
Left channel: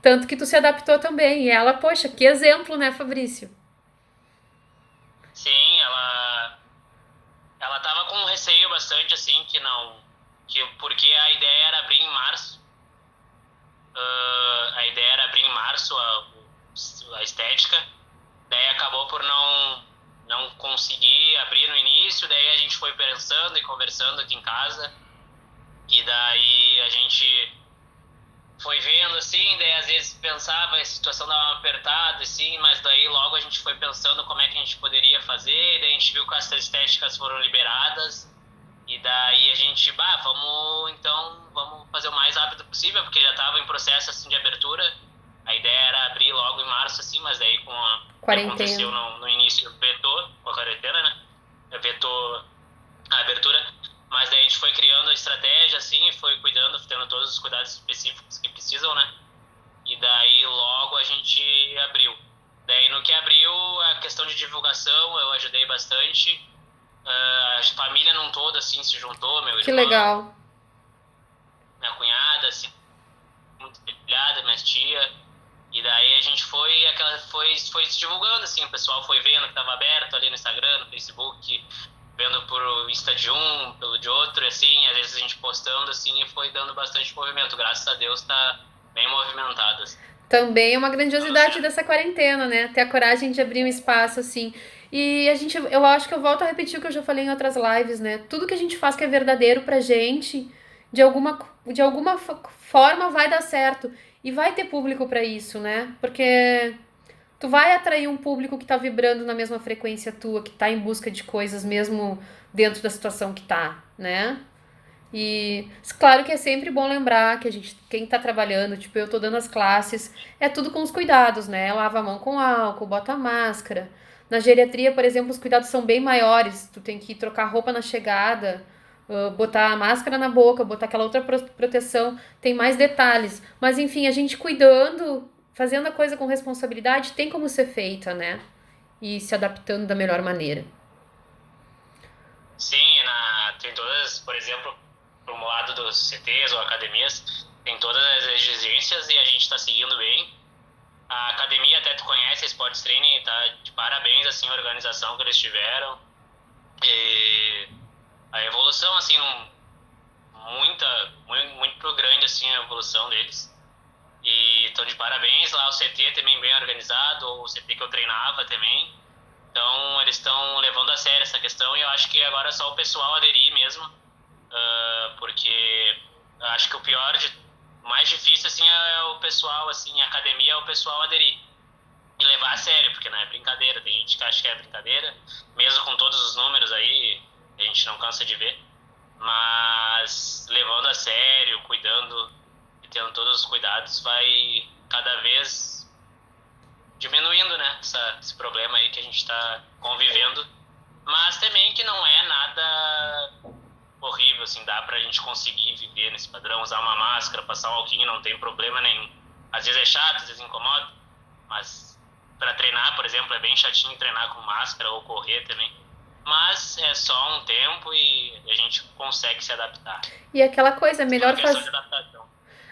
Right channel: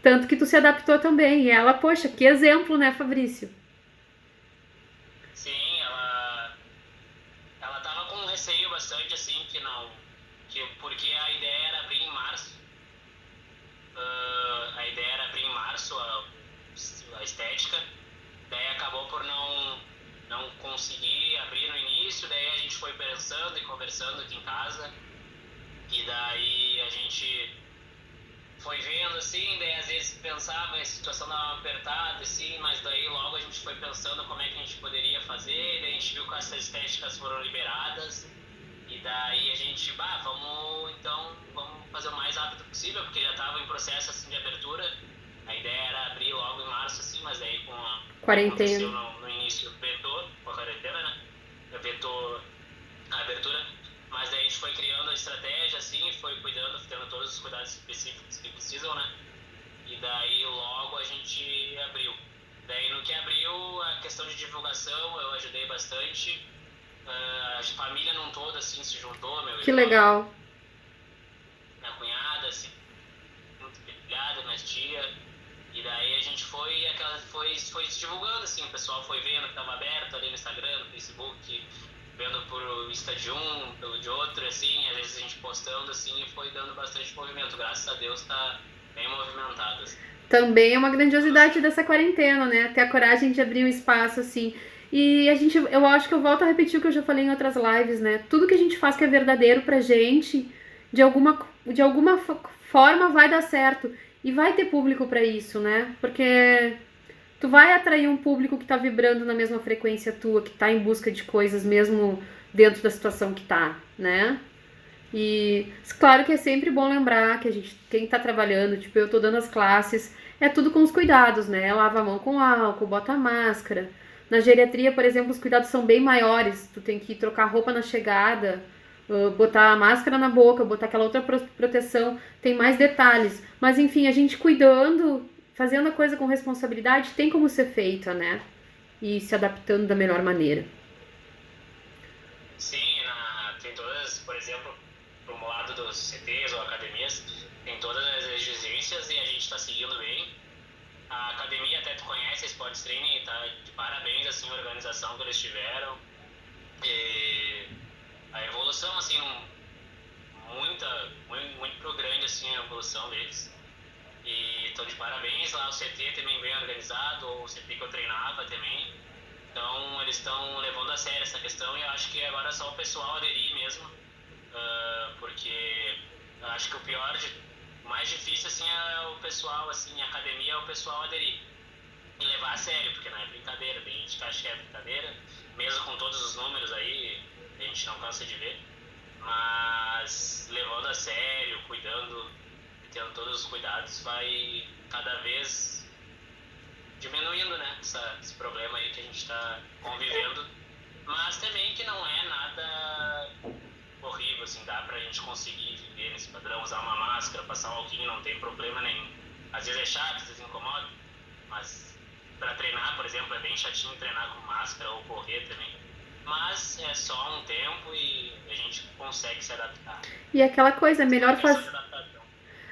tanto que tu se adaptou também. E ela, poxa, que exemplo, né, Fabrício? Sim, ela tava com um receio bastante, assim, que não. Porque a ideia era abrir em março. A ideia era abrir em março a estética. Daí acabou por não conseguir abrir no início. Daí a gente foi pensando e conversando aqui em casa. E daí a gente foi vendo assim, daí às vezes pensava, a situação dava uma apertada, assim, mas daí logo a gente foi pensando como é que a gente poderia fazer, daí a gente viu que essas estéticas foram liberadas, e daí a gente, vamos fazer o mais rápido possível, porque já estava em processo assim de abertura, a ideia era abrir logo em março, assim, mas daí com o que Quarentena. aconteceu no início, vetou, com a quarentena, né, vetou a abertura, mas daí a gente foi criando a estratégia, assim, foi cuidando, tendo todos os cuidados específicos que precisam, né? E daí logo a gente abriu. Daí no que abriu, a questão de divulgação eu ajudei bastante. A família num todo, assim, se juntou, meu Que irmão, legal. minha cunhada, assim, muito filhada, minha tia. E daí a gente foi se divulgando, assim, o pessoal foi vendo que estava aberto ali no Instagram, no Facebook, vendo por Insta de um, pelo de outro, assim, às vezes a gente postando, assim, e foi dando bastante movimento. Graças a Deus tá bem movimentado, assim. Também é uma Tudo grandiosidade certo. dessa quarentena, né? Ter a coragem de abrir um espaço assim. E a gente, eu acho que eu volto a repetir o que eu já falei em outras lives, né? Tudo que a gente faz que é verdadeiro pra gente, de alguma forma vai dar certo. E vai ter público pra isso, né? Porque tu vai atrair um público que tá vibrando na mesma frequência tua, que tá em busca de coisas mesmo dentro da situação que tá, né? E claro que é sempre bom lembrar que a gente, quem tá trabalhando, tipo, eu tô dando as classes, é tudo com os cuidados, né? Lava a mão com álcool, bota a máscara. Na geriatria, por exemplo, os cuidados são bem maiores. Tu tem que trocar roupa na chegada, botar a máscara na boca, botar aquela outra proteção. Tem mais detalhes. Mas enfim, a gente cuidando, fazendo a coisa com responsabilidade, tem como ser feita, né? E se adaptando da melhor maneira. Sim, tem todas, por exemplo, pro lado dos CTs ou academias, tem todas as exigências e a gente está seguindo bem. A academia, até tu conhece, a Sports Training, tá de parabéns, assim, a organização que eles tiveram. E a evolução, assim, muito grande, assim, a evolução deles. E estão de parabéns lá, o CT também bem organizado, o CT que eu treinava também. Então, eles estão levando a sério essa questão e eu acho que agora é só o pessoal aderir mesmo, porque eu acho que mais difícil, assim, é o pessoal, assim, a academia é o pessoal aderir e levar a sério, porque não é brincadeira, tem gente que acha que é brincadeira, mesmo com todos os números aí, a gente não cansa de ver, mas levando a sério, cuidando e tendo todos os cuidados, vai cada vez diminuindo, né, esse problema aí que a gente está convivendo, mas também que não é nada horrível, assim, dá pra gente conseguir viver nesse padrão, usar uma máscara, passar um alquinho, não tem problema nenhum. Às vezes é chato, às vezes incomoda, mas para treinar, por exemplo, é bem chatinho treinar com máscara ou correr também. Mas é só um tempo e a gente consegue se adaptar. E aquela coisa, Uma questão de adaptação.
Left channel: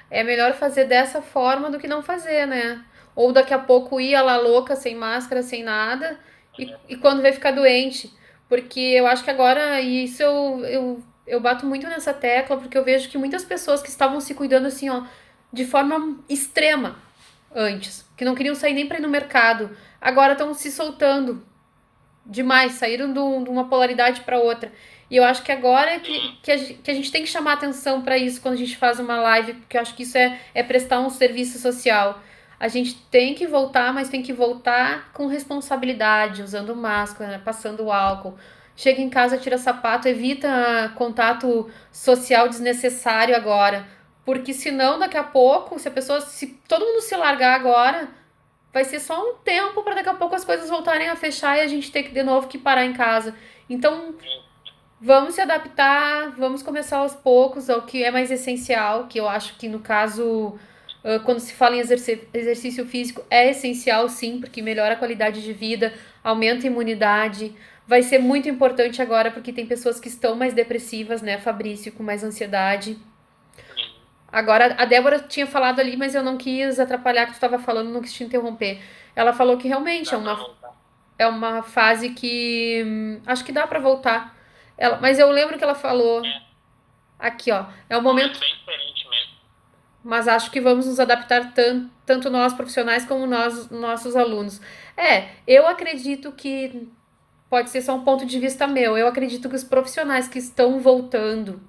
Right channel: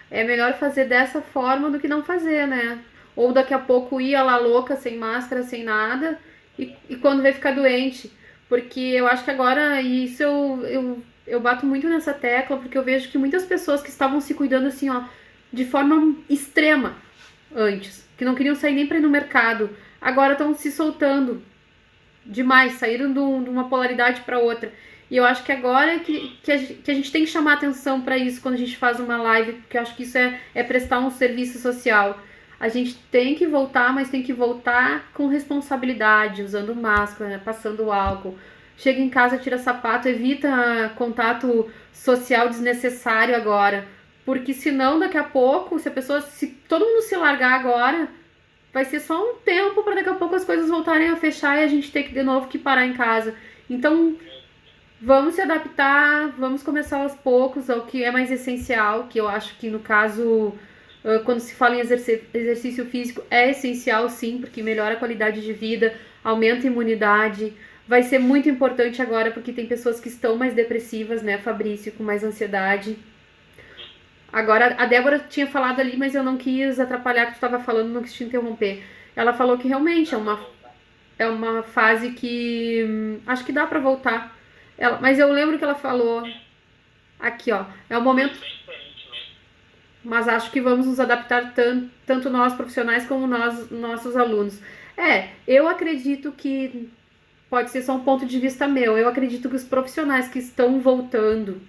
é melhor fazer dessa forma do que não fazer, né? Ou daqui a pouco ir lá louca, sem máscara, sem nada, e quando vai ficar doente. Porque eu acho que agora, e isso eu bato muito nessa tecla, porque eu vejo que muitas pessoas que estavam se cuidando assim, ó, de forma extrema antes, que não queriam sair nem para ir no mercado, agora estão se soltando demais, saíram de uma polaridade para outra. E eu acho que agora é que a gente tem que chamar atenção para isso quando a gente faz uma live, porque eu acho que isso é prestar um serviço social. A gente tem que voltar, mas tem que voltar com responsabilidade, usando máscara, né, passando álcool. Chega em casa, tira sapato, evita contato social desnecessário agora. Porque senão, daqui a pouco, se todo mundo se largar agora, vai ser só um tempo para daqui a pouco as coisas voltarem a fechar e a gente ter que de novo que parar em casa. Então, vamos se adaptar, vamos começar aos poucos ao que é mais essencial, que eu acho que no caso, quando se fala em exercício físico, é essencial sim, porque melhora a qualidade de vida, aumenta a imunidade. Vai ser muito importante agora porque tem pessoas que estão mais depressivas, né, Fabrício, com mais ansiedade. Agora, a Débora tinha falado ali, mas eu não quis atrapalhar que tu estava falando, não quis te interromper. Ela falou que realmente é uma fase que acho que dá para voltar. Mas eu lembro que ela falou aqui, ó, é um Um momento momento, bem diferente mesmo. mas acho que vamos nos adaptar tanto nós profissionais como nós, nossos alunos. Eu acredito que pode ser só um ponto de vista meu. Eu acredito que os profissionais que estão voltando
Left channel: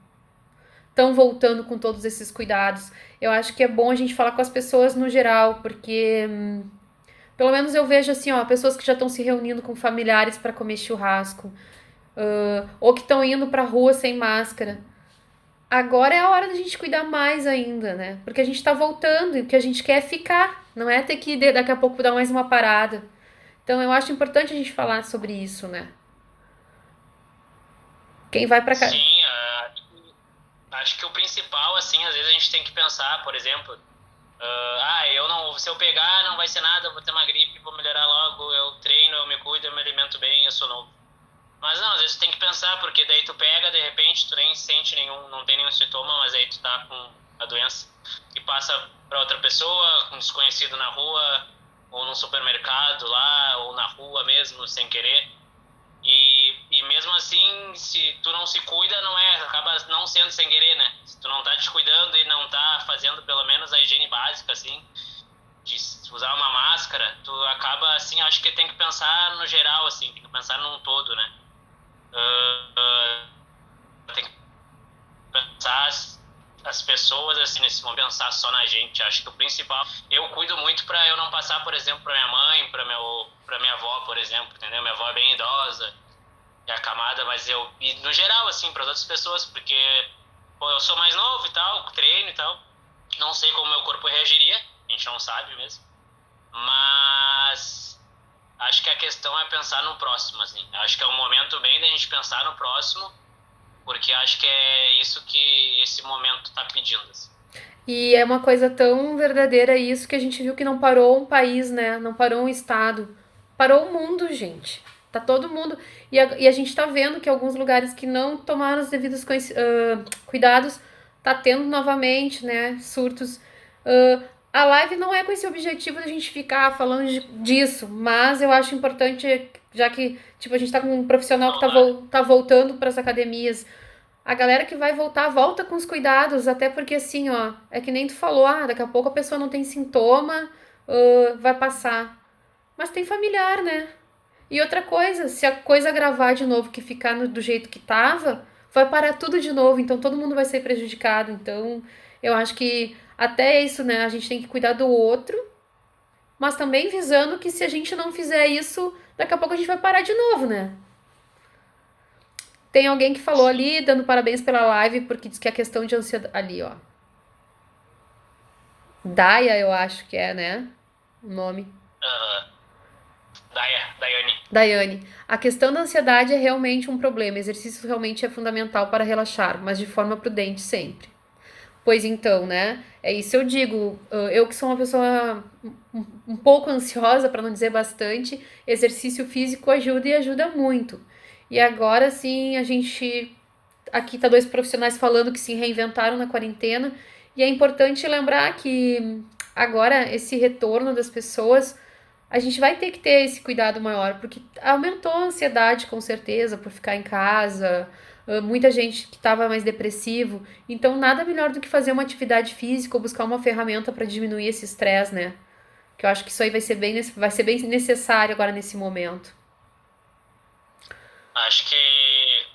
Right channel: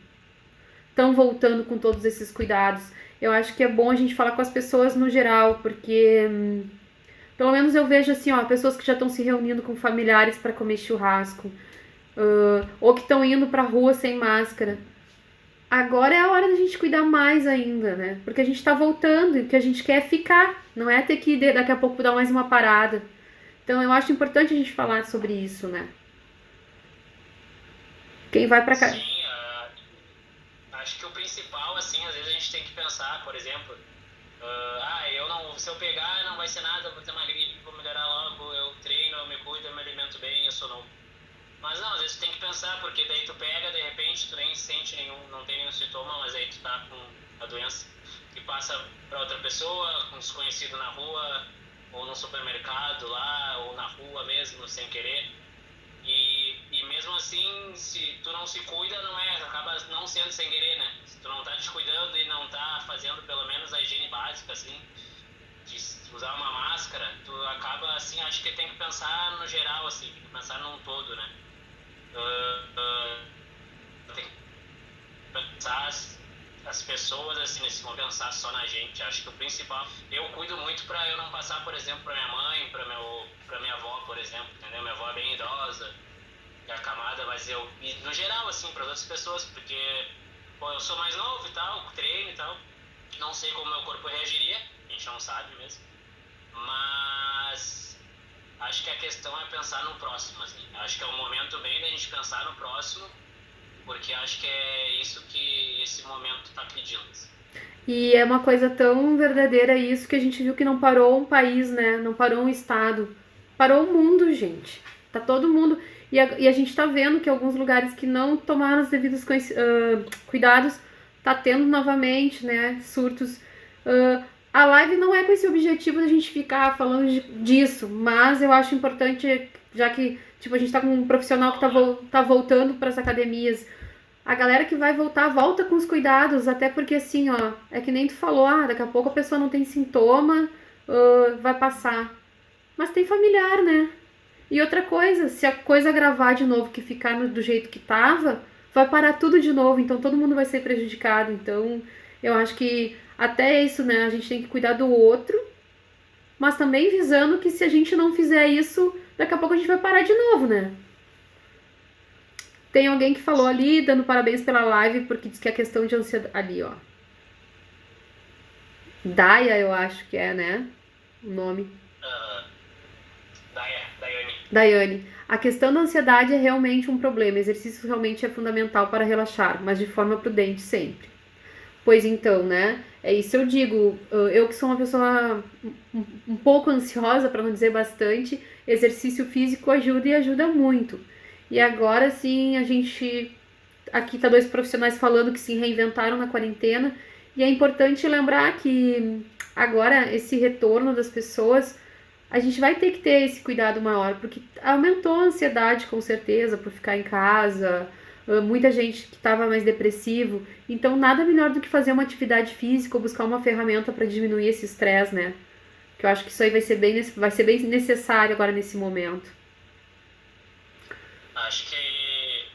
com todos esses cuidados. Eu acho que é bom a gente falar com as pessoas no geral, porque pelo menos eu vejo assim, ó, pessoas que já estão se reunindo com familiares para comer churrasco, ou que estão indo pra rua sem máscara. Agora é a hora da gente cuidar mais ainda, né? Porque a gente tá voltando e o que a gente quer é ficar, não é ter que daqui a pouco dar mais uma parada. Então eu acho importante a gente falar sobre isso, né? Quem vai pra cá. Sim, acho que o principal, assim, às vezes a gente tem que pensar, por exemplo, eu não, se eu pegar não vai ser nada, vou ter uma gripe, vou melhorar logo, eu treino, eu me cuido, eu me alimento bem, eu sou novo. Mas não, às vezes tu tem que pensar, porque daí tu pega, de repente, tu nem sente nenhum, não tem nenhum sintoma, mas aí tu tá com a doença e passa pra outra pessoa, um desconhecido na rua, ou num supermercado lá, ou na rua mesmo, sem querer. E mesmo assim, se tu não se cuida, acaba não sendo sem querer, né? Se tu não tá te cuidando e não tá fazendo pelo menos a higiene básica, assim, de usar uma máscara, tu acaba, assim, acho que tem que pensar no geral, assim, tem que pensar num todo, né? Tem que pensar as pessoas, assim, nesse momento, pensar só na gente. Acho que o principal, eu cuido muito pra eu não passar, por exemplo, pra minha mãe, pra minha avó, por exemplo, entendeu? Minha avó é bem idosa, é acamada, mas e no geral, assim, para outras pessoas, porque eu sou mais novo e tal, treino e tal, não sei como meu corpo reagiria, a gente não sabe mesmo, mas acho que a questão é pensar no próximo, assim, acho que é um momento bem da gente pensar no próximo, porque acho que é isso que esse momento tá pedindo, assim. E é uma coisa tão verdadeira isso que a gente viu que não parou um país, né? Não parou um estado. Parou o mundo, gente. Tá todo mundo. E a gente tá vendo que alguns lugares que não tomaram os devidos cuidados, tá tendo novamente, né? Surtos. A live não é com esse objetivo da gente ficar falando disso, mas eu acho importante, já que tipo, a gente tá com um profissional que tá voltando para as academias. A galera que vai voltar, volta com os cuidados, até porque assim, ó, é que nem tu falou, daqui a pouco a pessoa não tem sintoma, vai passar. Mas tem familiar, né? E outra coisa, se a coisa agravar de novo, que ficar do jeito que tava, vai parar tudo de novo, então todo mundo vai ser prejudicado. Então, eu acho que até isso, né? A gente tem que cuidar do outro, mas também visando que se a gente não fizer isso, daqui a pouco a gente vai parar de novo, né? Tem alguém que falou ali, dando parabéns pela live, porque diz que a questão de ansiedade. Ali, ó. Daya, eu acho que é, né? O nome. Daiane. Daiane. A questão da ansiedade é realmente um problema. Exercício realmente é fundamental para relaxar, mas de forma prudente sempre. Pois então, né? É isso eu digo. Eu que sou uma pessoa um pouco ansiosa, para não dizer bastante, exercício físico ajuda e ajuda muito. E agora sim, a gente aqui tá dois profissionais falando que se reinventaram na quarentena, e é importante lembrar que agora esse retorno das pessoas, a gente vai ter que ter esse cuidado maior, porque aumentou a ansiedade com certeza por ficar em casa, muita gente que estava mais depressivo, então nada melhor do que fazer uma atividade física ou buscar uma ferramenta para diminuir esse estresse, né? Que eu acho que isso aí vai ser bem necessário agora nesse momento. Acho que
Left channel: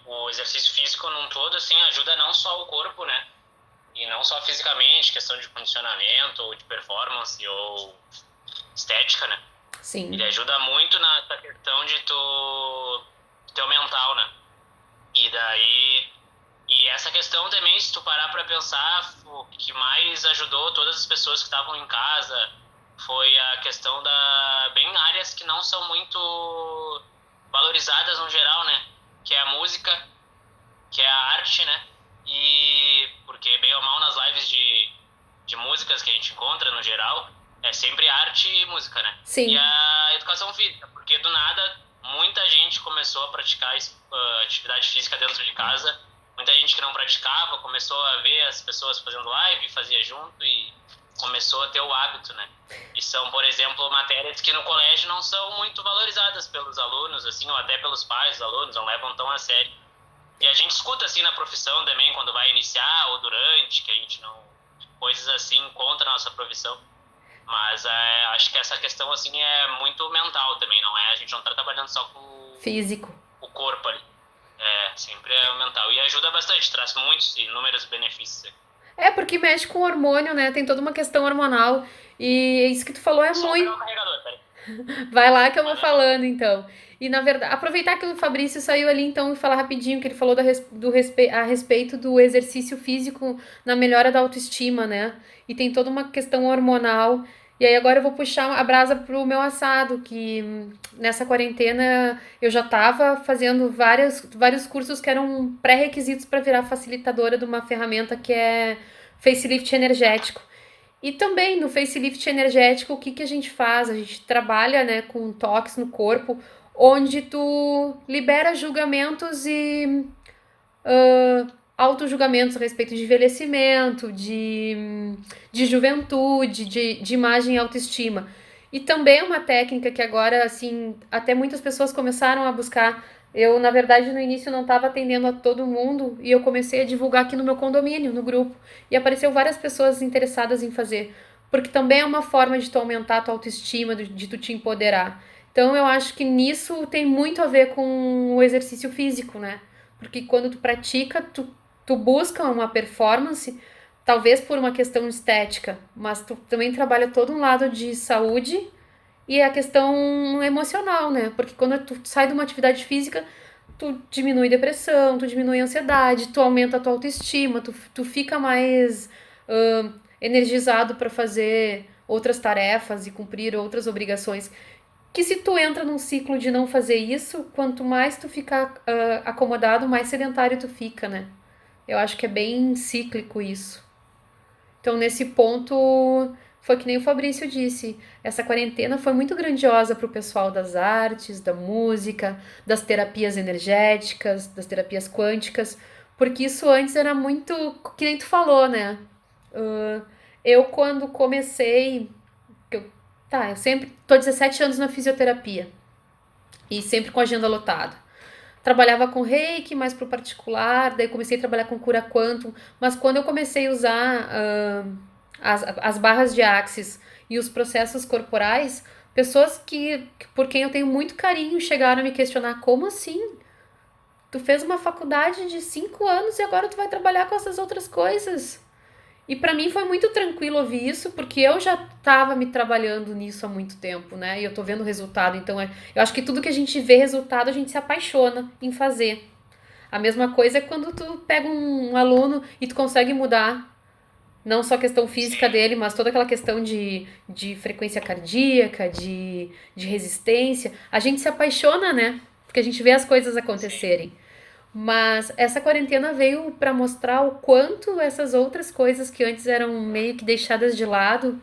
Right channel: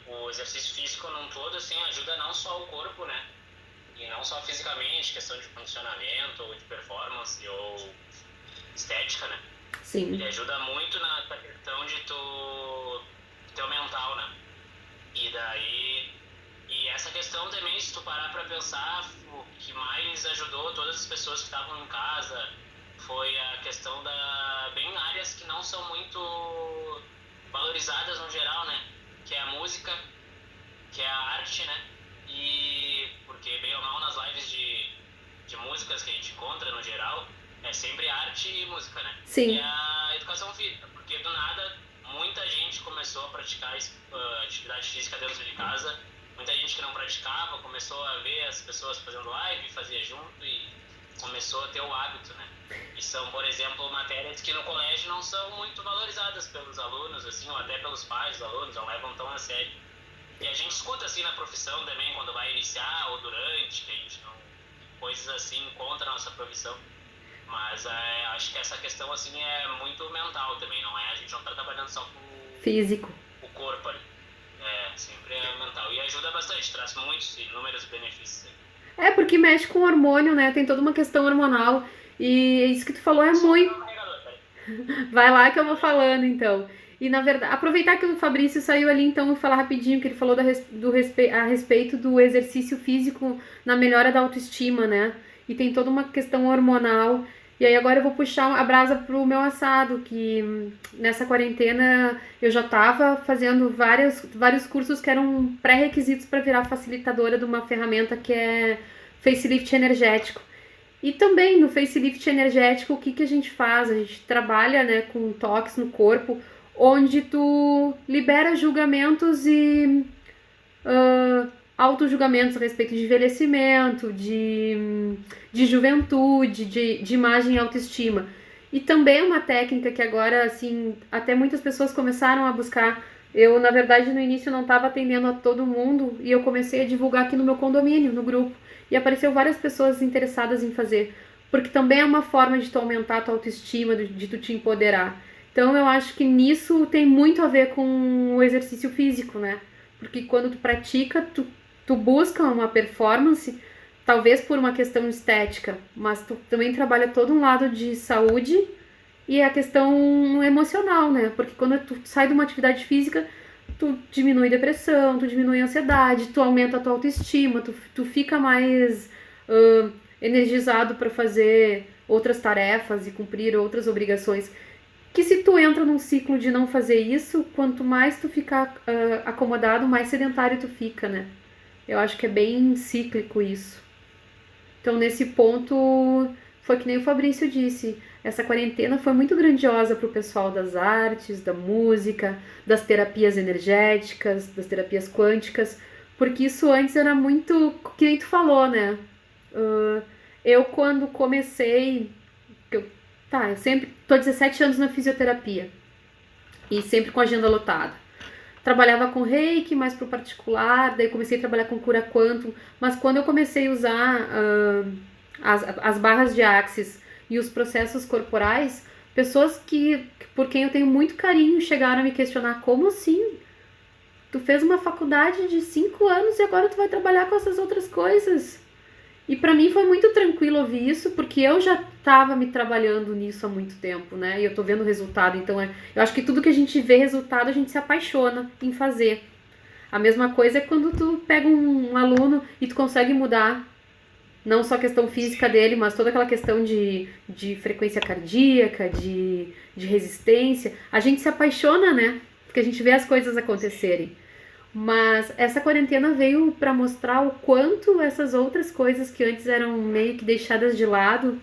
o exercício físico num todo, assim, ajuda não só o corpo, né? E não só fisicamente, questão de condicionamento, ou de performance, ou estética, né? Ele Sim, ajuda muito na questão de teu mental, né? E daí, e essa questão também, se tu parar pra pensar, o que mais ajudou todas as pessoas que estavam em casa foi a questão bem áreas que não são muito valorizadas no geral, né? Que é a música, que é a arte, né? E porque bem ou mal nas lives de músicas que a gente encontra no geral, é sempre arte e música, né? E sim, a educação física, porque do nada muita gente começou a praticar atividade física dentro de casa, muita gente que não praticava começou a ver as pessoas fazendo live, fazia junto e começou a ter o hábito, né? E são, por exemplo, matérias que no colégio não são muito valorizadas pelos alunos, assim, ou até pelos pais dos alunos, não levam tão a sério. E a gente escuta assim na profissão também, quando vai iniciar ou durante, que a gente não. Coisas assim contra a nossa profissão. Mas acho que essa questão assim é muito mental também, não é? A gente não tá trabalhando só com físico. o corpo ali. É, sempre é o mental. E ajuda bastante, traz muitos, inúmeros benefícios. É, porque mexe com o hormônio, né? Tem toda uma questão hormonal. E isso que tu falou é Só muito. pegar o carregador, peraí. Vai lá que eu vou falando, então. E na verdade, aproveitar que o Fabrício saiu ali, então, e falar rapidinho que ele falou a respeito do exercício físico na melhora da autoestima, né? E tem toda uma questão hormonal. E aí agora eu vou puxar a brasa pro meu assado, que nessa quarentena eu já tava fazendo vários cursos que eram pré-requisitos para virar facilitadora de uma ferramenta que é facelift energético. E também no facelift energético, o que, que a gente faz? A gente trabalha, né, com toques no corpo, onde tu libera julgamentos e auto-julgamentos a respeito de envelhecimento, de juventude, de imagem e autoestima. E também é uma técnica que agora, assim, até muitas pessoas começaram a buscar. Eu, na verdade, no início não estava atendendo a todo mundo e eu comecei a divulgar aqui no meu condomínio, no grupo. E apareceu várias pessoas interessadas em fazer. Porque também é uma forma de tu aumentar a tua autoestima, de tu te empoderar. Então eu acho que nisso tem muito a ver com o exercício físico, né? Porque quando tu pratica, tu busca uma performance, talvez por uma questão estética, mas tu também trabalha todo um lado de saúde e a questão emocional, né? Porque quando tu sai de uma atividade física, tu diminui depressão, tu diminui ansiedade, tu aumenta a tua autoestima, tu fica mais energizado para fazer outras tarefas e cumprir outras obrigações. Que se tu entra num ciclo de não fazer isso, quanto mais tu ficar acomodado, mais sedentário tu fica, né? Eu acho que é bem cíclico isso. Então, nesse ponto, foi que nem o Fabrício disse. Essa quarentena foi muito grandiosa para o pessoal das artes, da música, das terapias energéticas, das terapias quânticas, porque isso antes era muito, que nem tu falou, né? Uh, eu, quando comecei, eu sempre tô 17 anos na fisioterapia e sempre com agenda lotada. Trabalhava com reiki, mais pro particular, daí comecei a trabalhar com cura quantum, mas quando eu comecei a usar as barras de axis e os processos corporais, pessoas por quem eu tenho muito carinho chegaram a me questionar: como assim? Tu fez uma faculdade de 5 anos e agora tu vai trabalhar com essas outras coisas? E para mim foi muito tranquilo ouvir isso, porque eu já estava me trabalhando nisso há muito tempo, né? E eu tô vendo o resultado. Então, eu acho que tudo que a gente vê resultado, a gente se apaixona em fazer. A mesma coisa é quando tu pega um aluno e tu consegue mudar não só a questão física Sim, dele, mas toda aquela questão de frequência cardíaca, de resistência. A gente se apaixona, né? Porque a gente vê as coisas sim. acontecerem. Mas essa quarentena veio para mostrar o quanto essas outras coisas que antes eram meio que deixadas de lado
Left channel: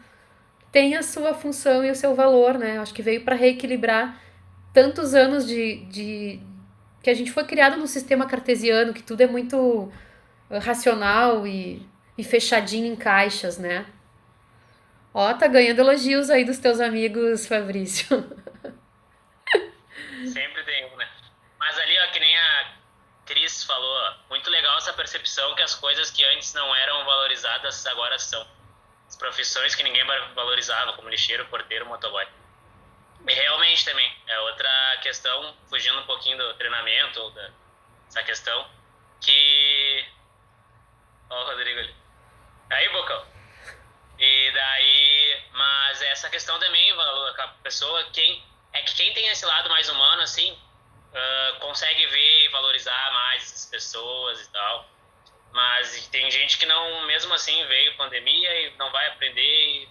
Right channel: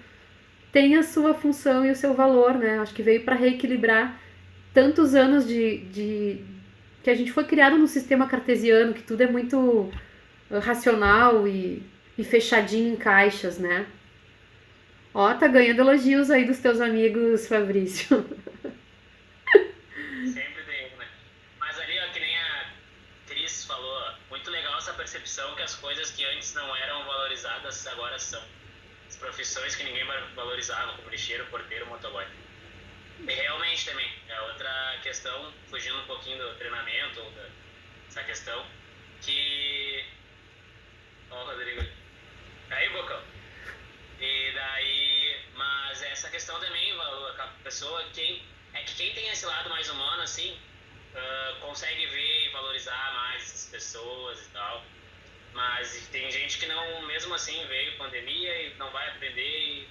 têm a sua função e o seu valor, né? Acho que veio para reequilibrar tantos anos de que a gente foi criado num sistema cartesiano, que tudo é muito racional e fechadinho em caixas, né? Ó, tá ganhando elogios aí dos teus amigos, Fabrício. Sempre tem um, né? Mas ali, ó, que nem a Cris falou, ó, muito legal essa percepção que as coisas que antes não eram valorizadas agora são. As profissões que ninguém valorizava, como lixeiro, porteiro, motoboy. E realmente também, é outra questão, fugindo um pouquinho do treinamento, essa questão, que... Ó o Rodrigo ali. Aí, Bocão. E daí, mas essa questão também, a pessoa, quem tem esse lado mais humano, assim, consegue ver e valorizar mais as pessoas e tal. Mas tem gente que não, mesmo assim, veio pandemia e não vai aprender. E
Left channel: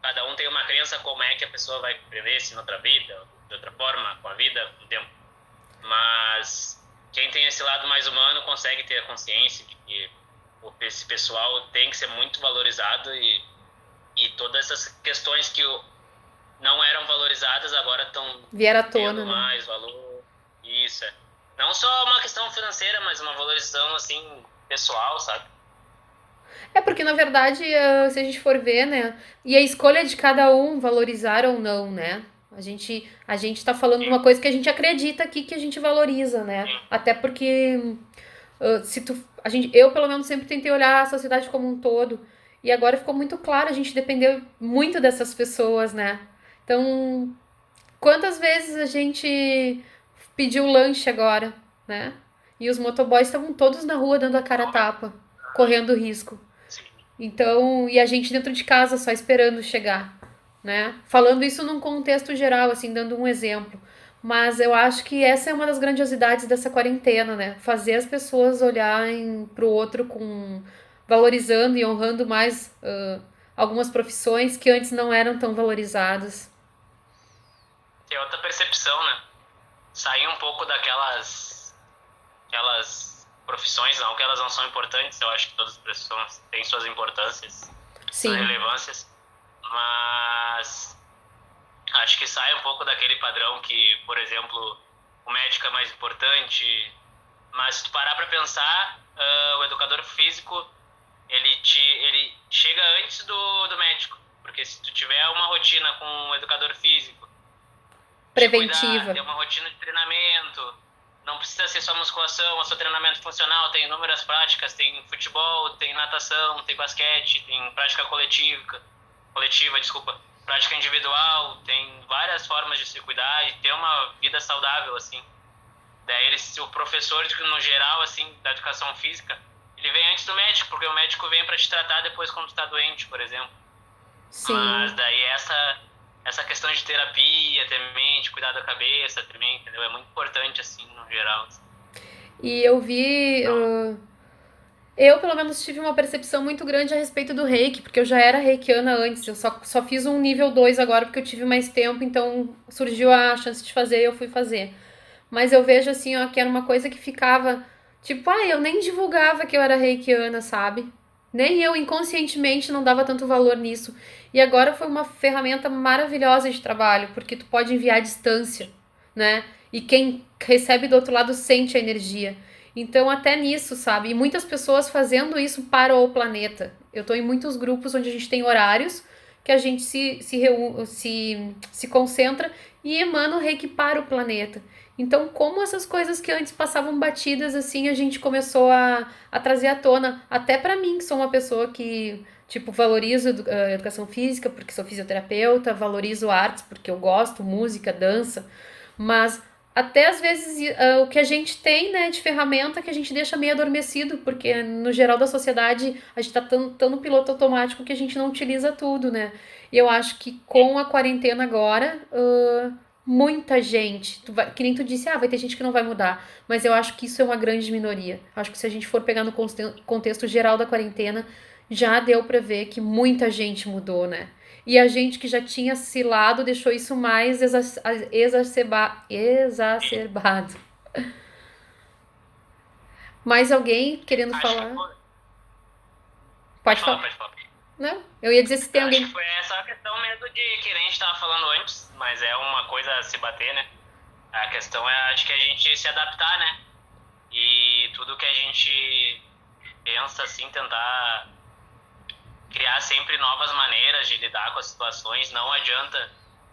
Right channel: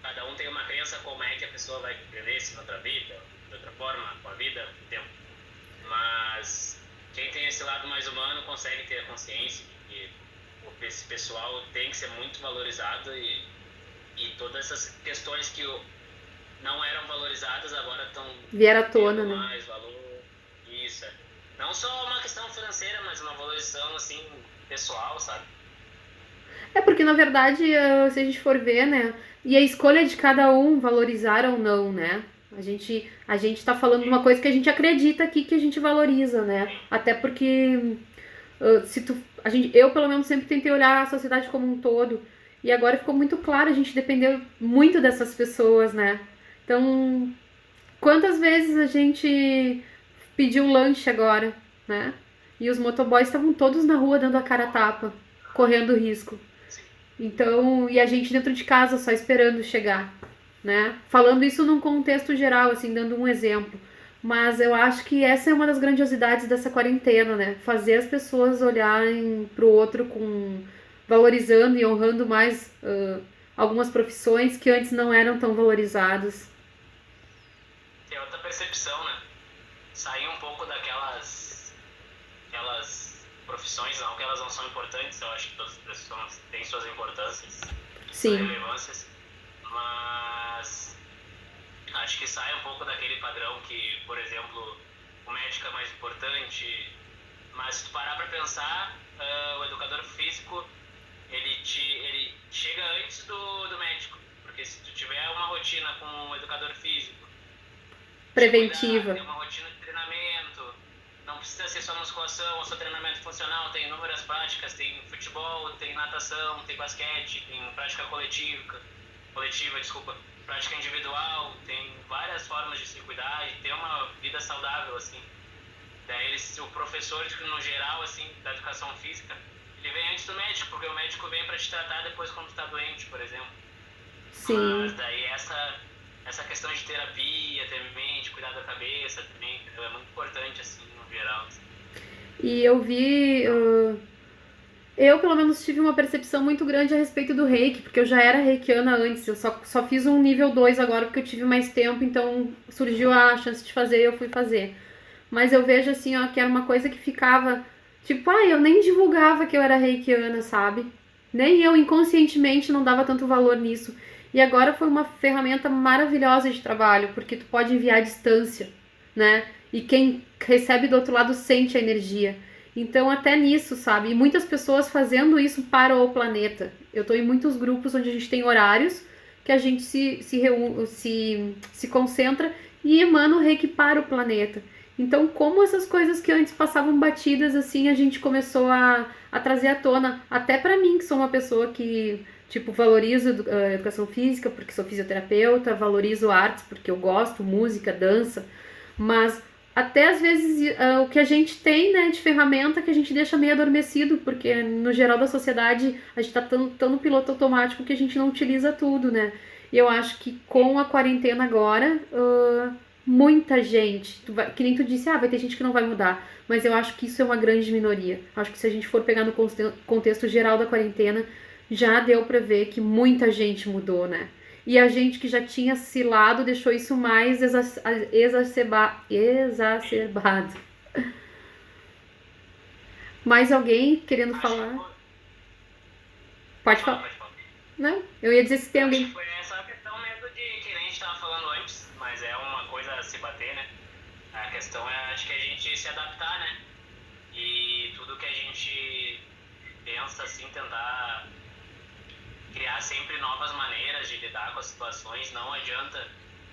cada um tem uma crença como é que a pessoa vai aprender, se noutra vida, de outra forma, com a vida, com o tempo. Mas quem tem esse lado mais humano consegue ter a consciência de que esse pessoal tem que ser muito valorizado e todas essas questões que não eram valorizadas agora estão Vieram à tendo tona, né? mais valor. Isso, é. Não só uma questão financeira, mas uma valorização, assim, pessoal, sabe? É porque, na verdade, se a gente for ver, né? E a escolha de cada um valorizar ou não, né? A gente tá falando de Sim, uma coisa que a gente acredita aqui que a gente valoriza, né? sim, Até porque se tu, eu pelo menos sempre tentei olhar a sociedade como um todo. E agora ficou muito claro, a gente dependeu muito dessas pessoas, né? Então, quantas vezes a gente pediu lanche agora, né? E os motoboys estavam todos na rua dando a cara a tapa, correndo risco. sim. Então, e a gente dentro de casa só esperando chegar, né? Falando isso num contexto geral, assim, dando um exemplo. Mas eu acho que essa é uma das grandiosidades dessa quarentena, né? Fazer as pessoas olharem pro outro com valorizando e honrando mais algumas profissões que antes não eram tão valorizadas. Tem outra percepção, né? Sair um pouco aquelas profissões, não que elas não são importantes, eu acho que todas as profissões têm suas importâncias, suas Sim, relevâncias, mas acho que sai um pouco daquele padrão que, por exemplo, o médico é mais importante, mas se tu parar para pensar, o educador físico, ele chega antes do médico, porque se tu tiver uma rotina com um educador físico, te cuidar, preventiva. ter uma rotina de treinamento, não precisa ser só musculação, é só treinamento funcional, tem inúmeras práticas, tem futebol, tem natação, tem basquete, tem prática coletiva, desculpa, prática individual, tem várias formas de se cuidar e ter uma vida saudável, assim. Daí o professor, no geral, assim, da educação física, ele vem antes do médico, porque o médico vem para te tratar depois quando tu tá doente, por exemplo. Mas Sim. daí essa questão de terapia também, de cuidar da cabeça também, entendeu? É muito importante, assim, no geral. Assim. E eu vi. Então, Eu, pelo menos, tive uma percepção muito grande a respeito do reiki, porque eu já era reikiana antes, eu só fiz um nível 2 agora porque eu tive mais tempo, então surgiu a chance de fazer e eu fui fazer. Mas eu vejo assim, ó, que era uma coisa que ficava. Tipo, eu nem divulgava que eu era reikiana, sabe? Nem eu inconscientemente não dava tanto valor nisso. E agora foi uma ferramenta maravilhosa de trabalho, porque tu pode enviar à distância, né? E quem recebe do outro lado sente a energia. Então, até nisso, sabe? E muitas pessoas fazendo isso para o planeta. Eu tô em muitos grupos onde a gente tem horários que a gente se concentra e emana o reiki para o planeta. Então, como essas coisas que antes passavam batidas, assim, a gente começou a trazer à tona. Até para mim, que sou uma pessoa que, tipo, valorizo a educação física, porque sou fisioterapeuta, valorizo artes, porque eu gosto, música, dança. Mas até às vezes o que a gente tem, né, de ferramenta que a gente deixa meio adormecido, porque no geral da sociedade a gente tá tão no piloto automático que a gente não utiliza tudo, né? E eu acho que com a quarentena agora, muita gente, que nem tu disse, vai ter gente que não vai mudar, mas eu acho que isso é uma grande minoria. Acho que se a gente for pegar no contexto geral da quarentena, já deu pra ver que muita gente mudou, né? E a gente que já tinha se lado deixou isso mais exacerbado. Mais alguém querendo Acho que falar? foi. Pode falar. Pode falar. Não? Eu ia dizer se tem Acho que alguém. foi essa a questão mesmo de que nem a gente estava falando antes, mas é uma coisa a se bater, né? A questão é, acho que a gente se adaptar, né? E tudo que a gente pensa, assim, tentar criar sempre novas maneiras de lidar com as situações. Não adianta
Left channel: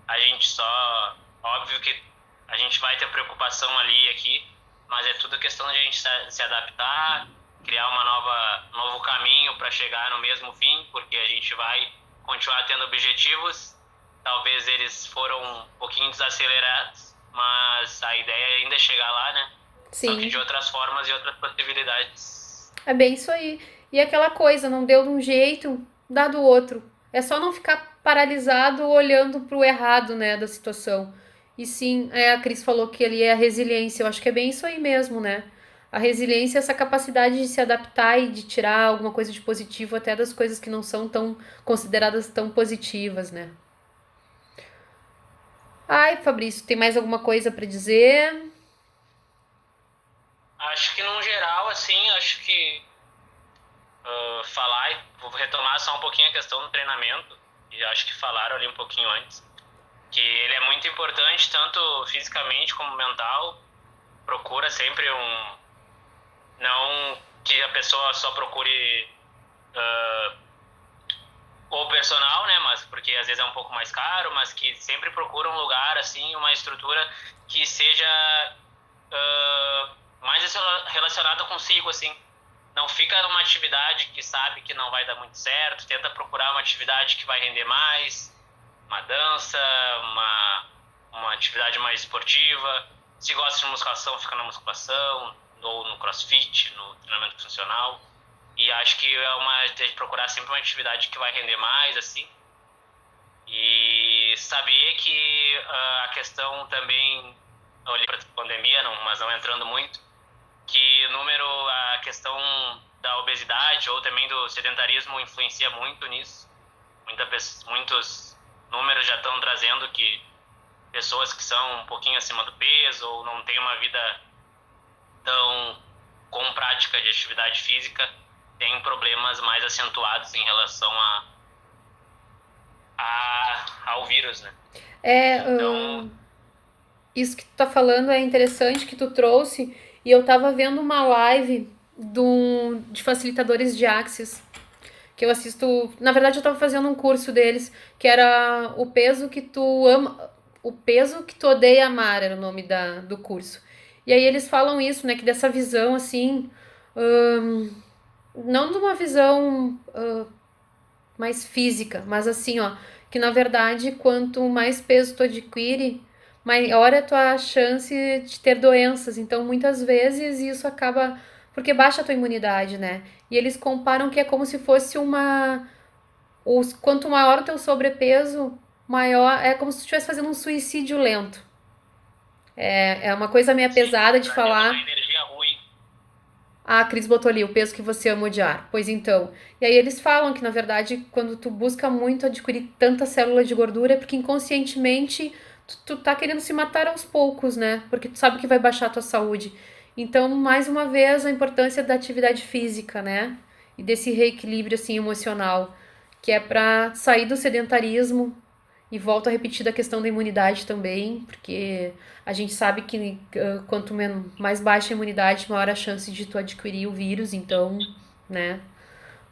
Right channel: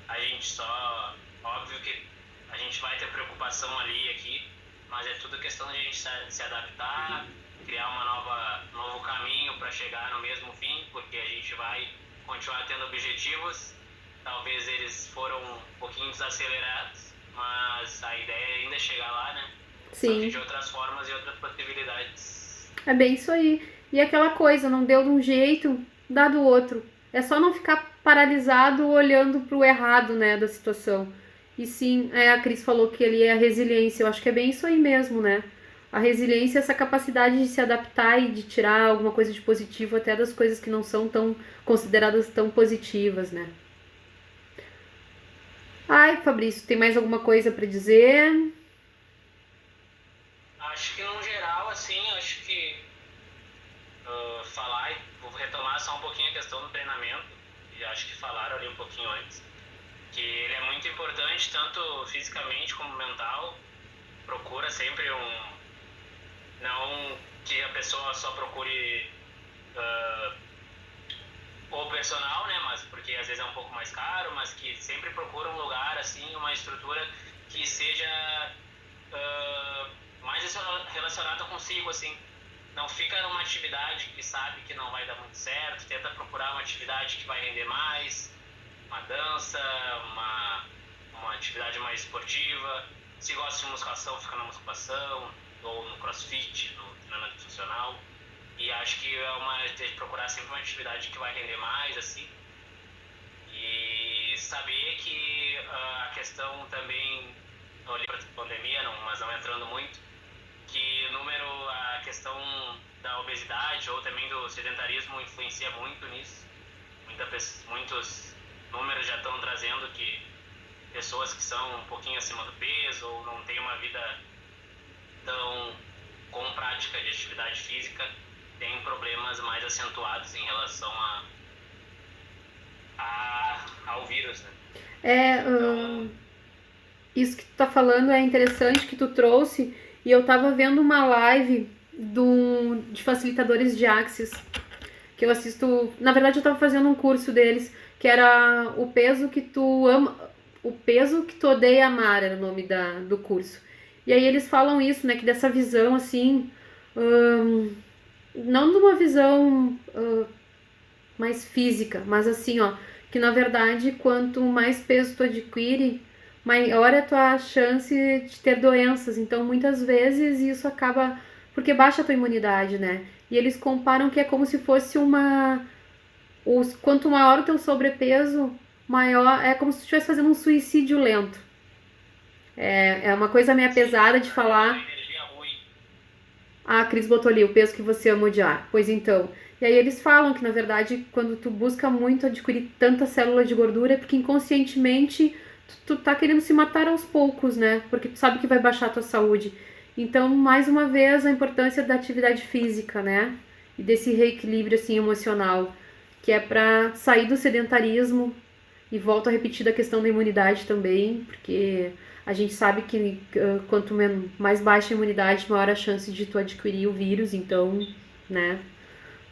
a gente só. Óbvio que a gente vai ter preocupação ali e aqui, mas é tudo questão de a gente se adaptar, criar novo caminho para chegar no mesmo fim, porque a gente vai continuar tendo objetivos. Talvez eles foram um pouquinho desacelerados, mas a ideia é ainda chegar lá, né? Só que de Sim. outras formas e outras possibilidades. É bem isso aí. E aquela coisa, não deu de um jeito, dá do outro. É só não ficar paralisado olhando pro errado, né, da situação. E sim, a Cris falou que ali é a resiliência. Eu acho que é bem isso aí mesmo, né? A resiliência é essa capacidade de se adaptar e de tirar alguma coisa de positivo até das coisas que não são tão consideradas tão positivas, né? Ai, Fabrício, tem mais alguma coisa para dizer? Acho que, no geral, assim, acho que falar, e vou retomar só um pouquinho a questão do treinamento, e acho que falaram ali um pouquinho antes, que ele é muito importante, tanto fisicamente como mental. Procura sempre não que a pessoa só procure o personal, né, mas porque às vezes é um pouco mais caro, mas que sempre procura um lugar, assim, uma estrutura que seja mais relacionada consigo, assim. Não fica numa atividade que sabe que não vai dar muito certo, tenta procurar uma atividade que vai render mais, uma dança, uma atividade mais esportiva. Se gosta de musculação, fica na musculação, ou no crossfit, no treinamento funcional. E acho que tem que procurar sempre uma atividade que vai render mais, assim. E saber que a questão também, olhei para a pandemia, não, mas não entrando muito, que a questão da obesidade ou também do sedentarismo influencia muito nisso. Muitos números já estão trazendo que pessoas que são um pouquinho acima do peso ou não têm uma vida tão com prática de atividade física têm problemas mais acentuados em relação ao vírus, né? É, Então, isso que tu tá falando é interessante que tu trouxe. E eu tava vendo uma live de facilitadores de Axis, que eu assisto. Na verdade, eu tava fazendo um curso deles, que era o peso que tu ama. O peso que tu odeia amar era o nome do curso. E aí eles falam isso, né? Que dessa visão assim. Não de uma visão mais física, mas assim, ó, que na verdade quanto mais peso tu adquire, maior é a tua chance de ter doenças. Então, muitas vezes isso acaba porque baixa a tua imunidade, né? E eles comparam que é como se fosse quanto maior o teu sobrepeso, maior é como se tu estivesse fazendo um suicídio lento. É uma coisa meio sim, pesada de para ter uma falar. energia ruim. Ah, a Cris botou ali o peso que você ama odiar. Pois então. E aí eles falam que, na verdade, quando tu busca muito adquirir tanta célula de gordura, é porque inconscientemente tu tá querendo se matar aos poucos, né? Porque tu sabe que vai baixar a tua saúde. Então, mais uma vez, a importância da atividade física, né? E desse reequilíbrio, assim, emocional. Que é pra sair do sedentarismo. E volto a repetir da questão da imunidade também, porque a gente sabe que quanto mais baixa a imunidade, maior a chance de tu adquirir o vírus. Então, né?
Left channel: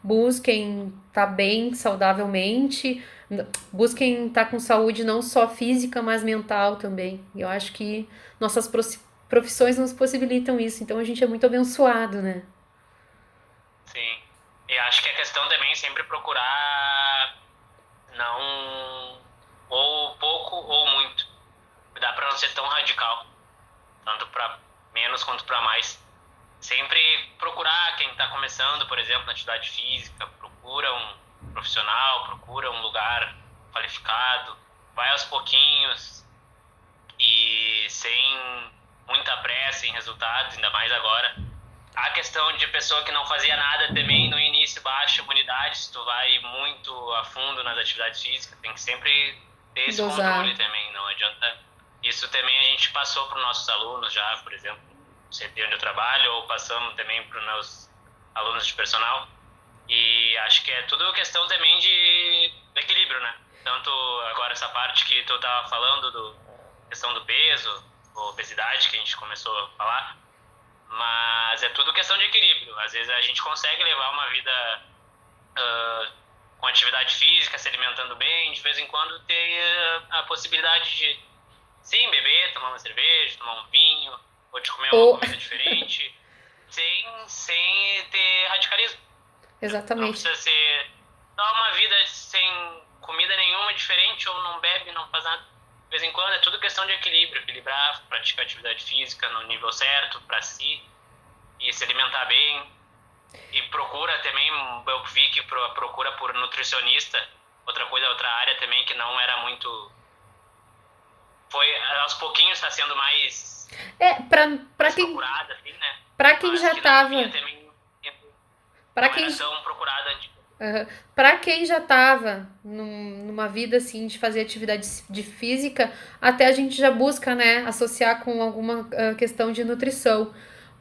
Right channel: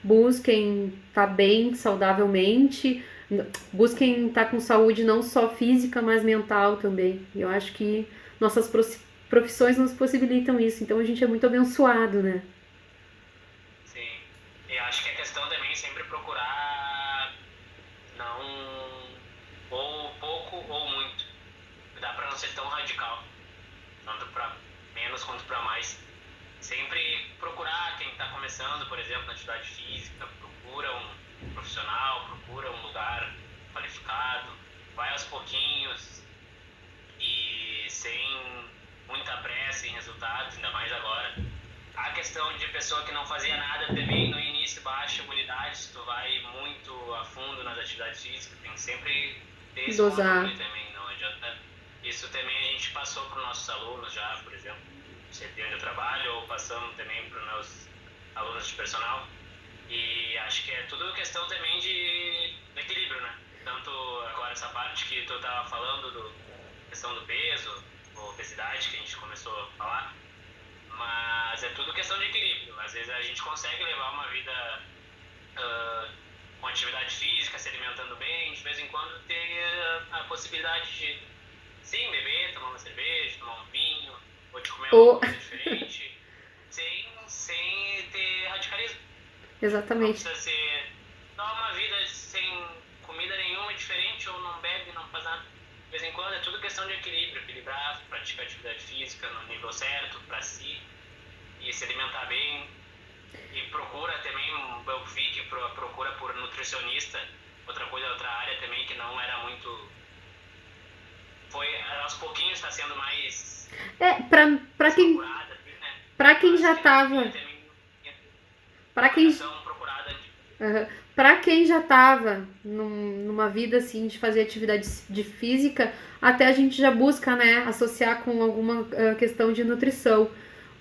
Busquem estar bem saudavelmente, busquem estar com saúde não só física, mas mental também. E eu acho que nossas profissões nos possibilitam isso. Então a gente é muito abençoado, né? Sim. E acho que a questão também é sempre procurar não ou pouco ou muito. Dá para não ser tão radical, tanto para menos quanto para mais. Sempre procurar quem está começando, por exemplo, na atividade física, procura um profissional, procura um lugar qualificado, vai aos pouquinhos e sem muita pressa em resultados, ainda mais agora. A questão de pessoa que não fazia nada também, no início baixa imunidade, se tu vai muito a fundo nas atividades físicas, tem que sempre ter esse Dosar. controle também, não adianta. Isso também a gente passou para os nossos alunos já, por exemplo, CT onde eu trabalho, ou passando também para os meus alunos de personal. E acho que é tudo questão também de equilíbrio, né? Tanto agora essa parte que tu tava falando, questão do peso, obesidade, que a gente começou a falar, mas é tudo questão de equilíbrio. Às vezes a gente consegue levar uma vida com atividade física, se alimentando bem, de vez em quando ter a possibilidade de, sim, beber, tomar uma cerveja, tomar um vinho, ou de comer uma Ou, comida diferente, sem ter radicalismo. Não exatamente. precisa ser só uma vida sem comida nenhuma diferente, ou não bebe, não faz nada. De vez em quando é tudo questão de equilíbrio, equilibrar, praticar atividade física no nível certo para si e se alimentar bem. E procura também, eu vi que procura por nutricionista, outra área também que não era muito, foi aos pouquinhos está sendo mais Pra quem, procurada, assim, né? pra quem Mas já que não tava, tinha também, pra não era quem, tão procurada antes. pra quem já tava numa vida assim de fazer atividade de física, até a gente já busca, né, associar com alguma questão de nutrição.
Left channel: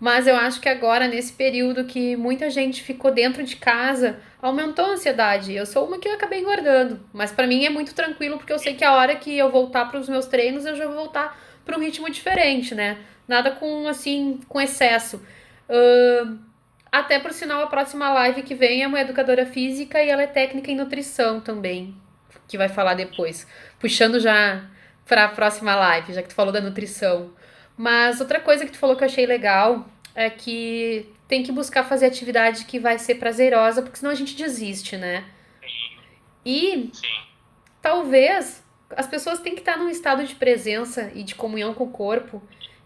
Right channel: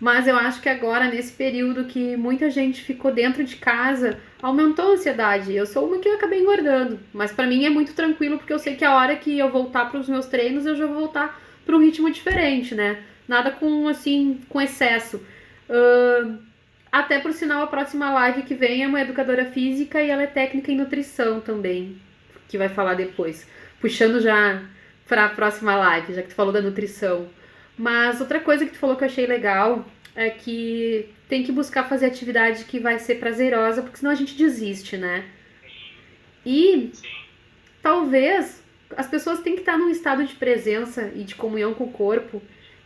Mas eu acho que agora, nesse período que muita gente ficou dentro de casa, aumentou a ansiedade. Eu sou uma que acabei engordando, mas pra mim é muito tranquilo porque eu sei que a hora que eu voltar para os meus treinos, eu já vou voltar para um ritmo diferente, né? Nada com assim, com excesso. Ahn, Até por sinal, a próxima live que vem é uma educadora física e ela é técnica em nutrição também, que vai falar depois. Puxando já para a próxima live, já que tu falou da nutrição. Mas outra coisa que tu falou que eu achei legal é que tem que buscar fazer atividade que vai ser prazerosa, porque senão a gente desiste, né? E Sim, talvez as pessoas têm que estar num estado de presença e de comunhão com o corpo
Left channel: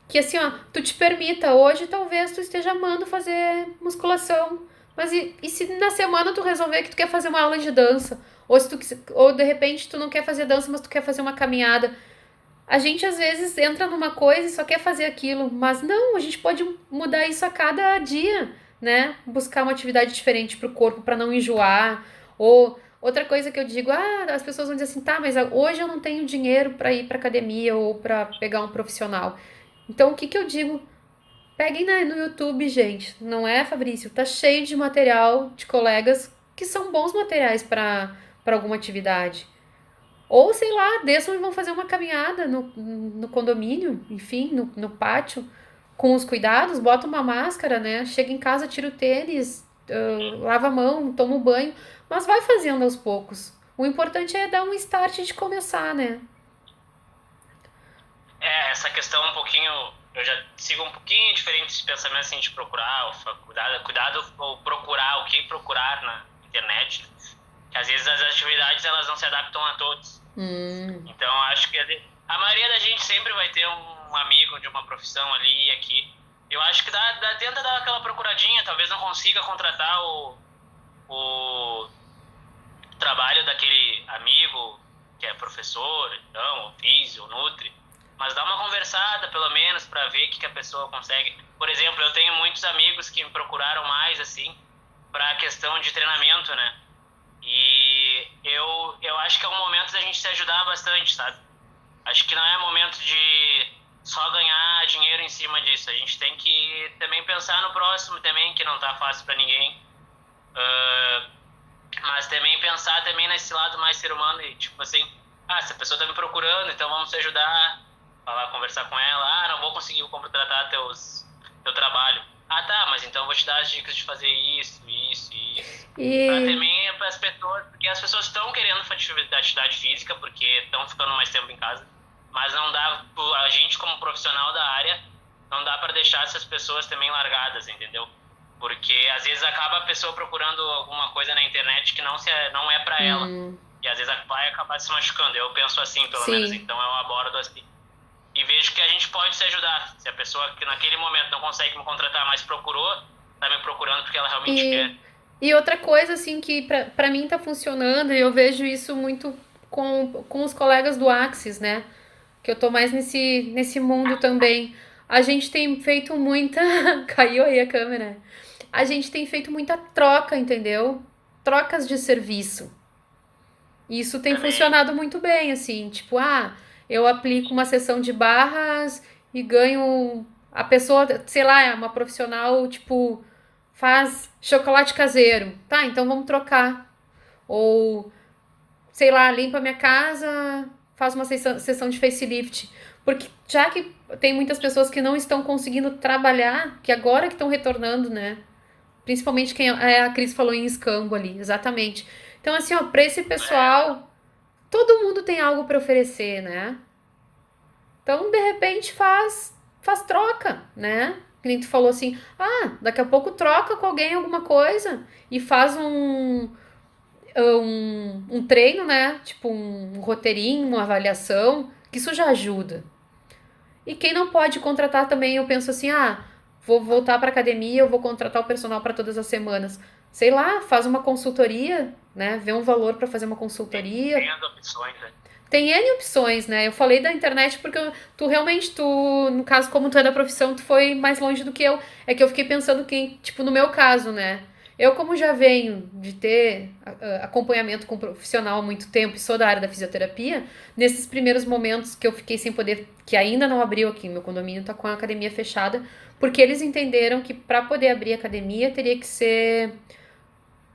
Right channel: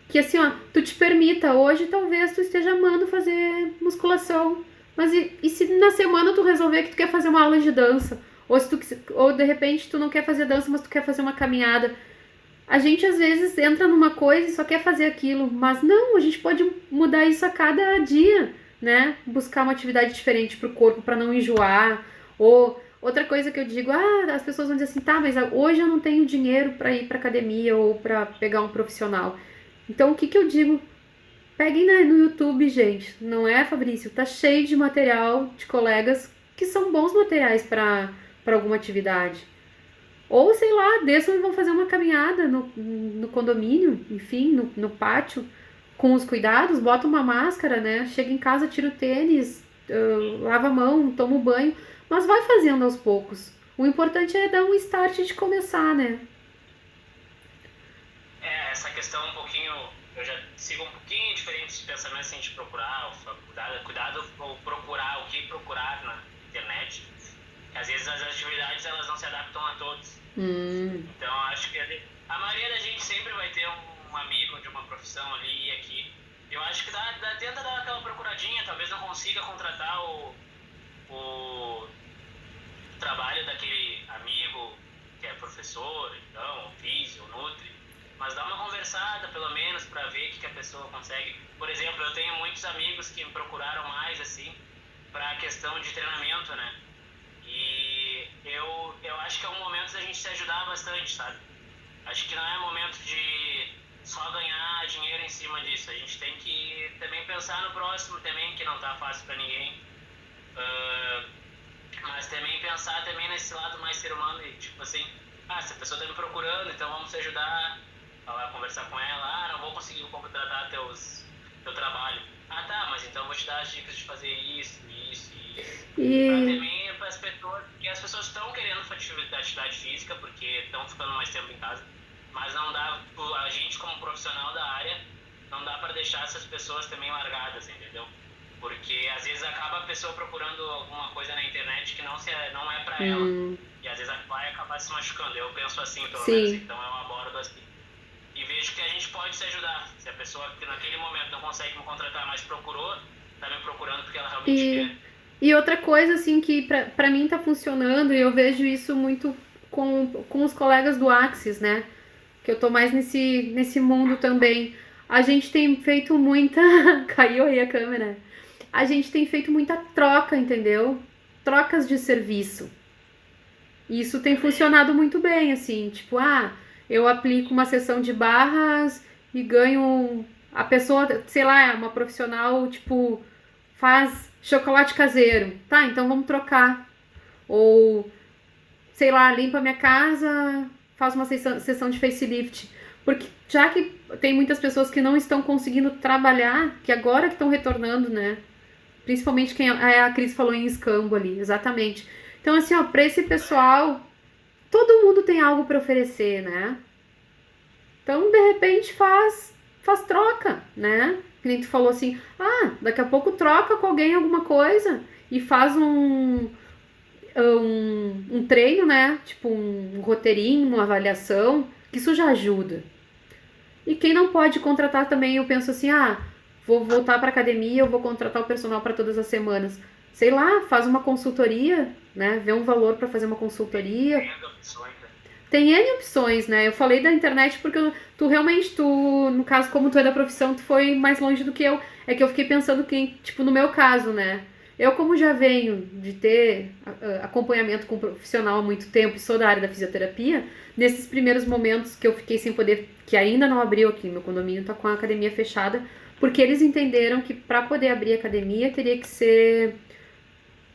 que assim, ó, tu te permita, hoje talvez tu esteja amando fazer musculação, mas e se na semana tu resolver que tu quer fazer uma aula de dança, ou se tu ou de repente tu não quer fazer dança, mas tu quer fazer uma caminhada. A gente às vezes entra numa coisa e só quer fazer aquilo, mas não, a gente pode mudar isso a cada dia, né? Buscar uma atividade diferente pro corpo para não enjoar, ou outra coisa que eu digo, as pessoas vão dizer assim, tá, mas hoje eu não tenho dinheiro para ir para academia ou para pegar um profissional. Então, o que que eu digo? Peguem no YouTube, gente. Não é, Fabrício? Tá cheio de material de colegas que são bons materiais para alguma atividade. Ou, sei lá, desçam e vão fazer uma caminhada no condomínio, enfim, no pátio, com os cuidados, bota uma máscara, né? Chega em casa, tira o tênis, lava a mão, toma um banho, mas vai fazendo aos poucos. O importante é dar um start de começar, né? essa questão um pouquinho, eu já sigo um pouquinho diferente esse pensamento assim, de procurar, cuidado ou procurar, o que procurar na internet, que às vezes as atividades elas não se adaptam a todos. Então acho que a maioria da gente sempre vai ter um amigo de uma profissão ali e aqui. Eu acho que tenta dar aquela procuradinha, talvez não consiga contratar o trabalho daquele amigo que é professor, então, ou físio, ou nutri, mas dá uma conversada pelo menos para ver o que a pessoa consegue. Por exemplo, eu tenho muitos amigos que me procuraram mais assim para a questão de treinamento, né? E eu acho que é um momento da gente se ajudar bastante, sabe? Acho que não é momento de só ganhar dinheiro em cima disso. A gente tem que também pensar no próximo também, que não tá fácil para ninguém. Mas também pensar também nesse lado mais ser humano e tipo assim, se a pessoa tá me procurando, então vamos se ajudar, falar, conversar com ela, não vou conseguir contratar teu trabalho. Tá, mas então eu vou te dar as dicas de fazer isso, isso e isso. Pra E, também as pessoas, porque as pessoas estão querendo atividade física, porque estão ficando mais tempo em casa, mas não dá, a gente como profissional da área, não dá para deixar essas pessoas também largadas, entendeu? Porque às vezes acaba a pessoa procurando alguma coisa na internet que não é para ela. E às vezes vai acabar se machucando. Eu penso assim, pelo menos, sim. então eu abordo assim. E vejo que a gente pode se ajudar. Se a pessoa que naquele momento não consegue me contratar, mas procurou, tá me procurando porque ela realmente quer. E outra coisa, assim, que pra mim tá funcionando, e eu vejo isso muito com os colegas do Axis, né? Que eu tô mais nesse mundo também. A gente tem feito muita. Caiu aí a câmera. A gente tem feito muita troca, entendeu? Trocas de serviço. E isso tem Também, funcionado muito bem, assim. Tipo, eu aplico uma sessão de barras e ganho. A pessoa, sei lá, é uma profissional, tipo, faz chocolate caseiro. Tá, então vamos trocar. Ou, sei lá, limpa minha casa, faz uma sessão de facelift. Porque já que tem muitas pessoas que não estão conseguindo trabalhar, que agora que estão retornando, né? Principalmente quem a Cris falou em escambo ali, exatamente. Então, assim, ó, pra esse pessoal, todo mundo tem algo para oferecer, né? Então, de repente, faz troca, né? Que nem tu falou assim, daqui a pouco troca com alguém alguma coisa e faz um treino, né? Tipo um roteirinho, uma avaliação, que isso já ajuda. E quem não pode contratar também, eu penso assim, vou voltar para academia, eu vou contratar o personal para todas as semanas. Sei lá, faz uma consultoria, né? Vê um valor para fazer uma consultoria. Tem as opções, né? Tem N opções, né? Eu falei da internet porque tu realmente, no caso, como tu é da profissão, tu foi mais longe do que eu. É que eu fiquei pensando que, tipo, no meu caso, né? Eu, como já venho de ter acompanhamento com um profissional há muito tempo e sou da área da fisioterapia, nesses primeiros momentos que eu fiquei sem poder, que ainda não abriu aqui, meu condomínio tá com a academia fechada, porque eles entenderam que para poder abrir a academia teria que ser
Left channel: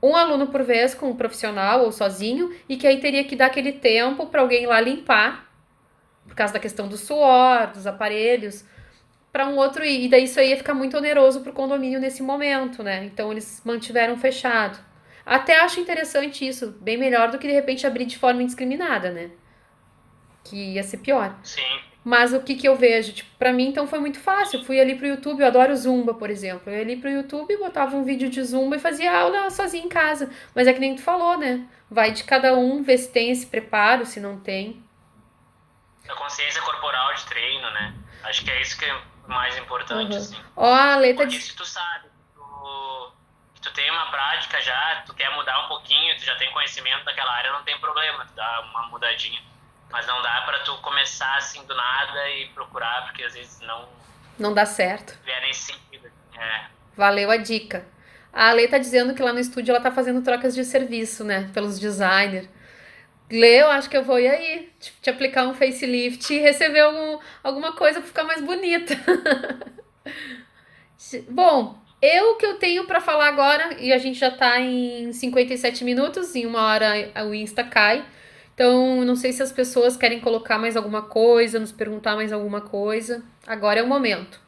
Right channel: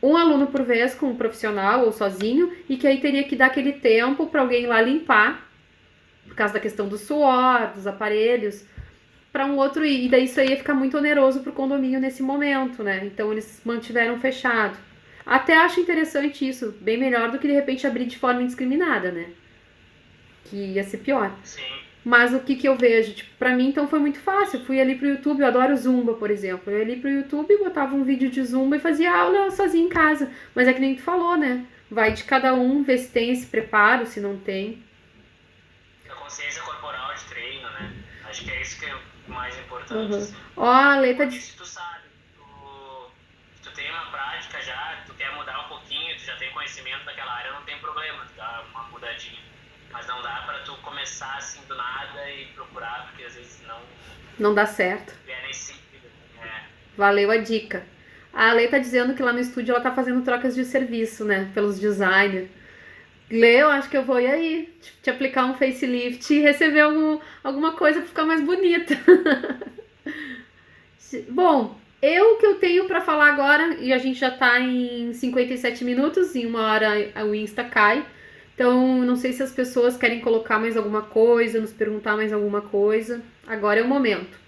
um aluno por vez com um profissional ou sozinho, e que aí teria que dar aquele tempo para alguém ir lá limpar, por causa da questão do suor, dos aparelhos, para um outro ir. E daí isso aí ia ficar muito oneroso pro condomínio nesse momento, né? Então eles mantiveram fechado. Até acho interessante isso, bem melhor do que de repente abrir de forma indiscriminada, né? Que ia ser pior. Sim. Mas o que que eu vejo? Tipo, pra mim, então, foi muito fácil. Eu fui ali pro YouTube, eu adoro Zumba, por exemplo. Eu ia ali pro YouTube, botava um vídeo de Zumba e fazia aula sozinha em casa. Mas é que nem tu falou, né? Vai de cada um, ver se tem esse preparo, se não tem. A consciência corporal de treino, né? Acho que é isso que é mais importante, Uhum. assim. Ó, a Leta Porque diz... se tu sabe, tu tem uma prática já, tu quer mudar um pouquinho, tu já tem conhecimento daquela área, não tem problema, tu dá uma mudadinha. Mas não dá pra tu começar assim do nada e procurar, porque às vezes Não dá certo. é nesse sentido. É, Valeu a dica. A Lê tá dizendo que lá no estúdio ela tá fazendo trocas de serviço, né? Pelos designers. Lê, eu acho que eu vou ir aí, tipo, te aplicar um facelift e receber alguma coisa pra ficar mais bonita. Bom, o que eu tenho pra falar agora, e a gente já tá em 57 minutos, em uma hora o Insta cai. Então, não sei se as pessoas querem colocar mais alguma coisa, nos perguntar mais alguma coisa. Agora é o momento.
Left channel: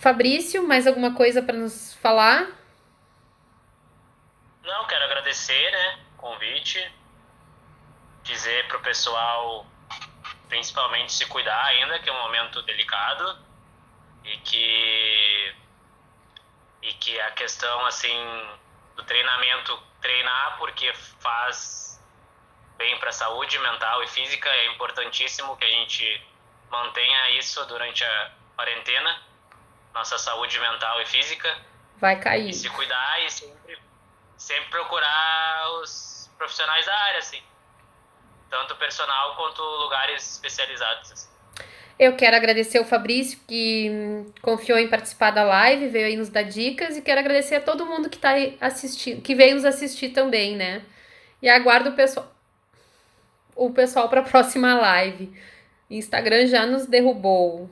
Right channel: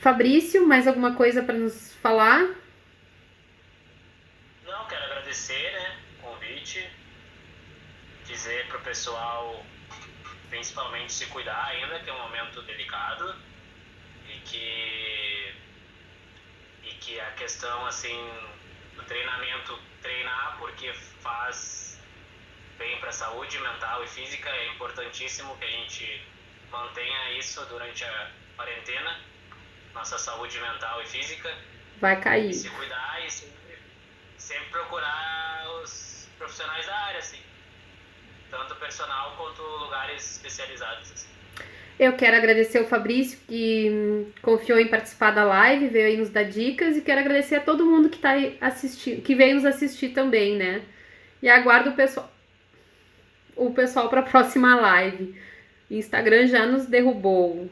Fabrício, mais alguma coisa pra nos falar? não, quero agradecer, né, o convite, dizer pro pessoal principalmente se cuidar ainda, que é um momento delicado e que a questão assim do treinamento, treinar porque faz bem para a saúde mental e física, é importantíssimo que a gente mantenha isso durante a quarentena, nossa saúde mental e física, Vai e cair. se cuidar e sempre procurar os profissionais da área, assim, tanto personal quanto lugares especializados, assim. Eu quero agradecer o Fabrício que confiou em participar da live, veio aí nos dar dicas, e quero agradecer a todo mundo que tá aí assistindo, que veio nos assistir também, né? E aguardo o pessoal para a próxima live. O Instagram já nos derrubou.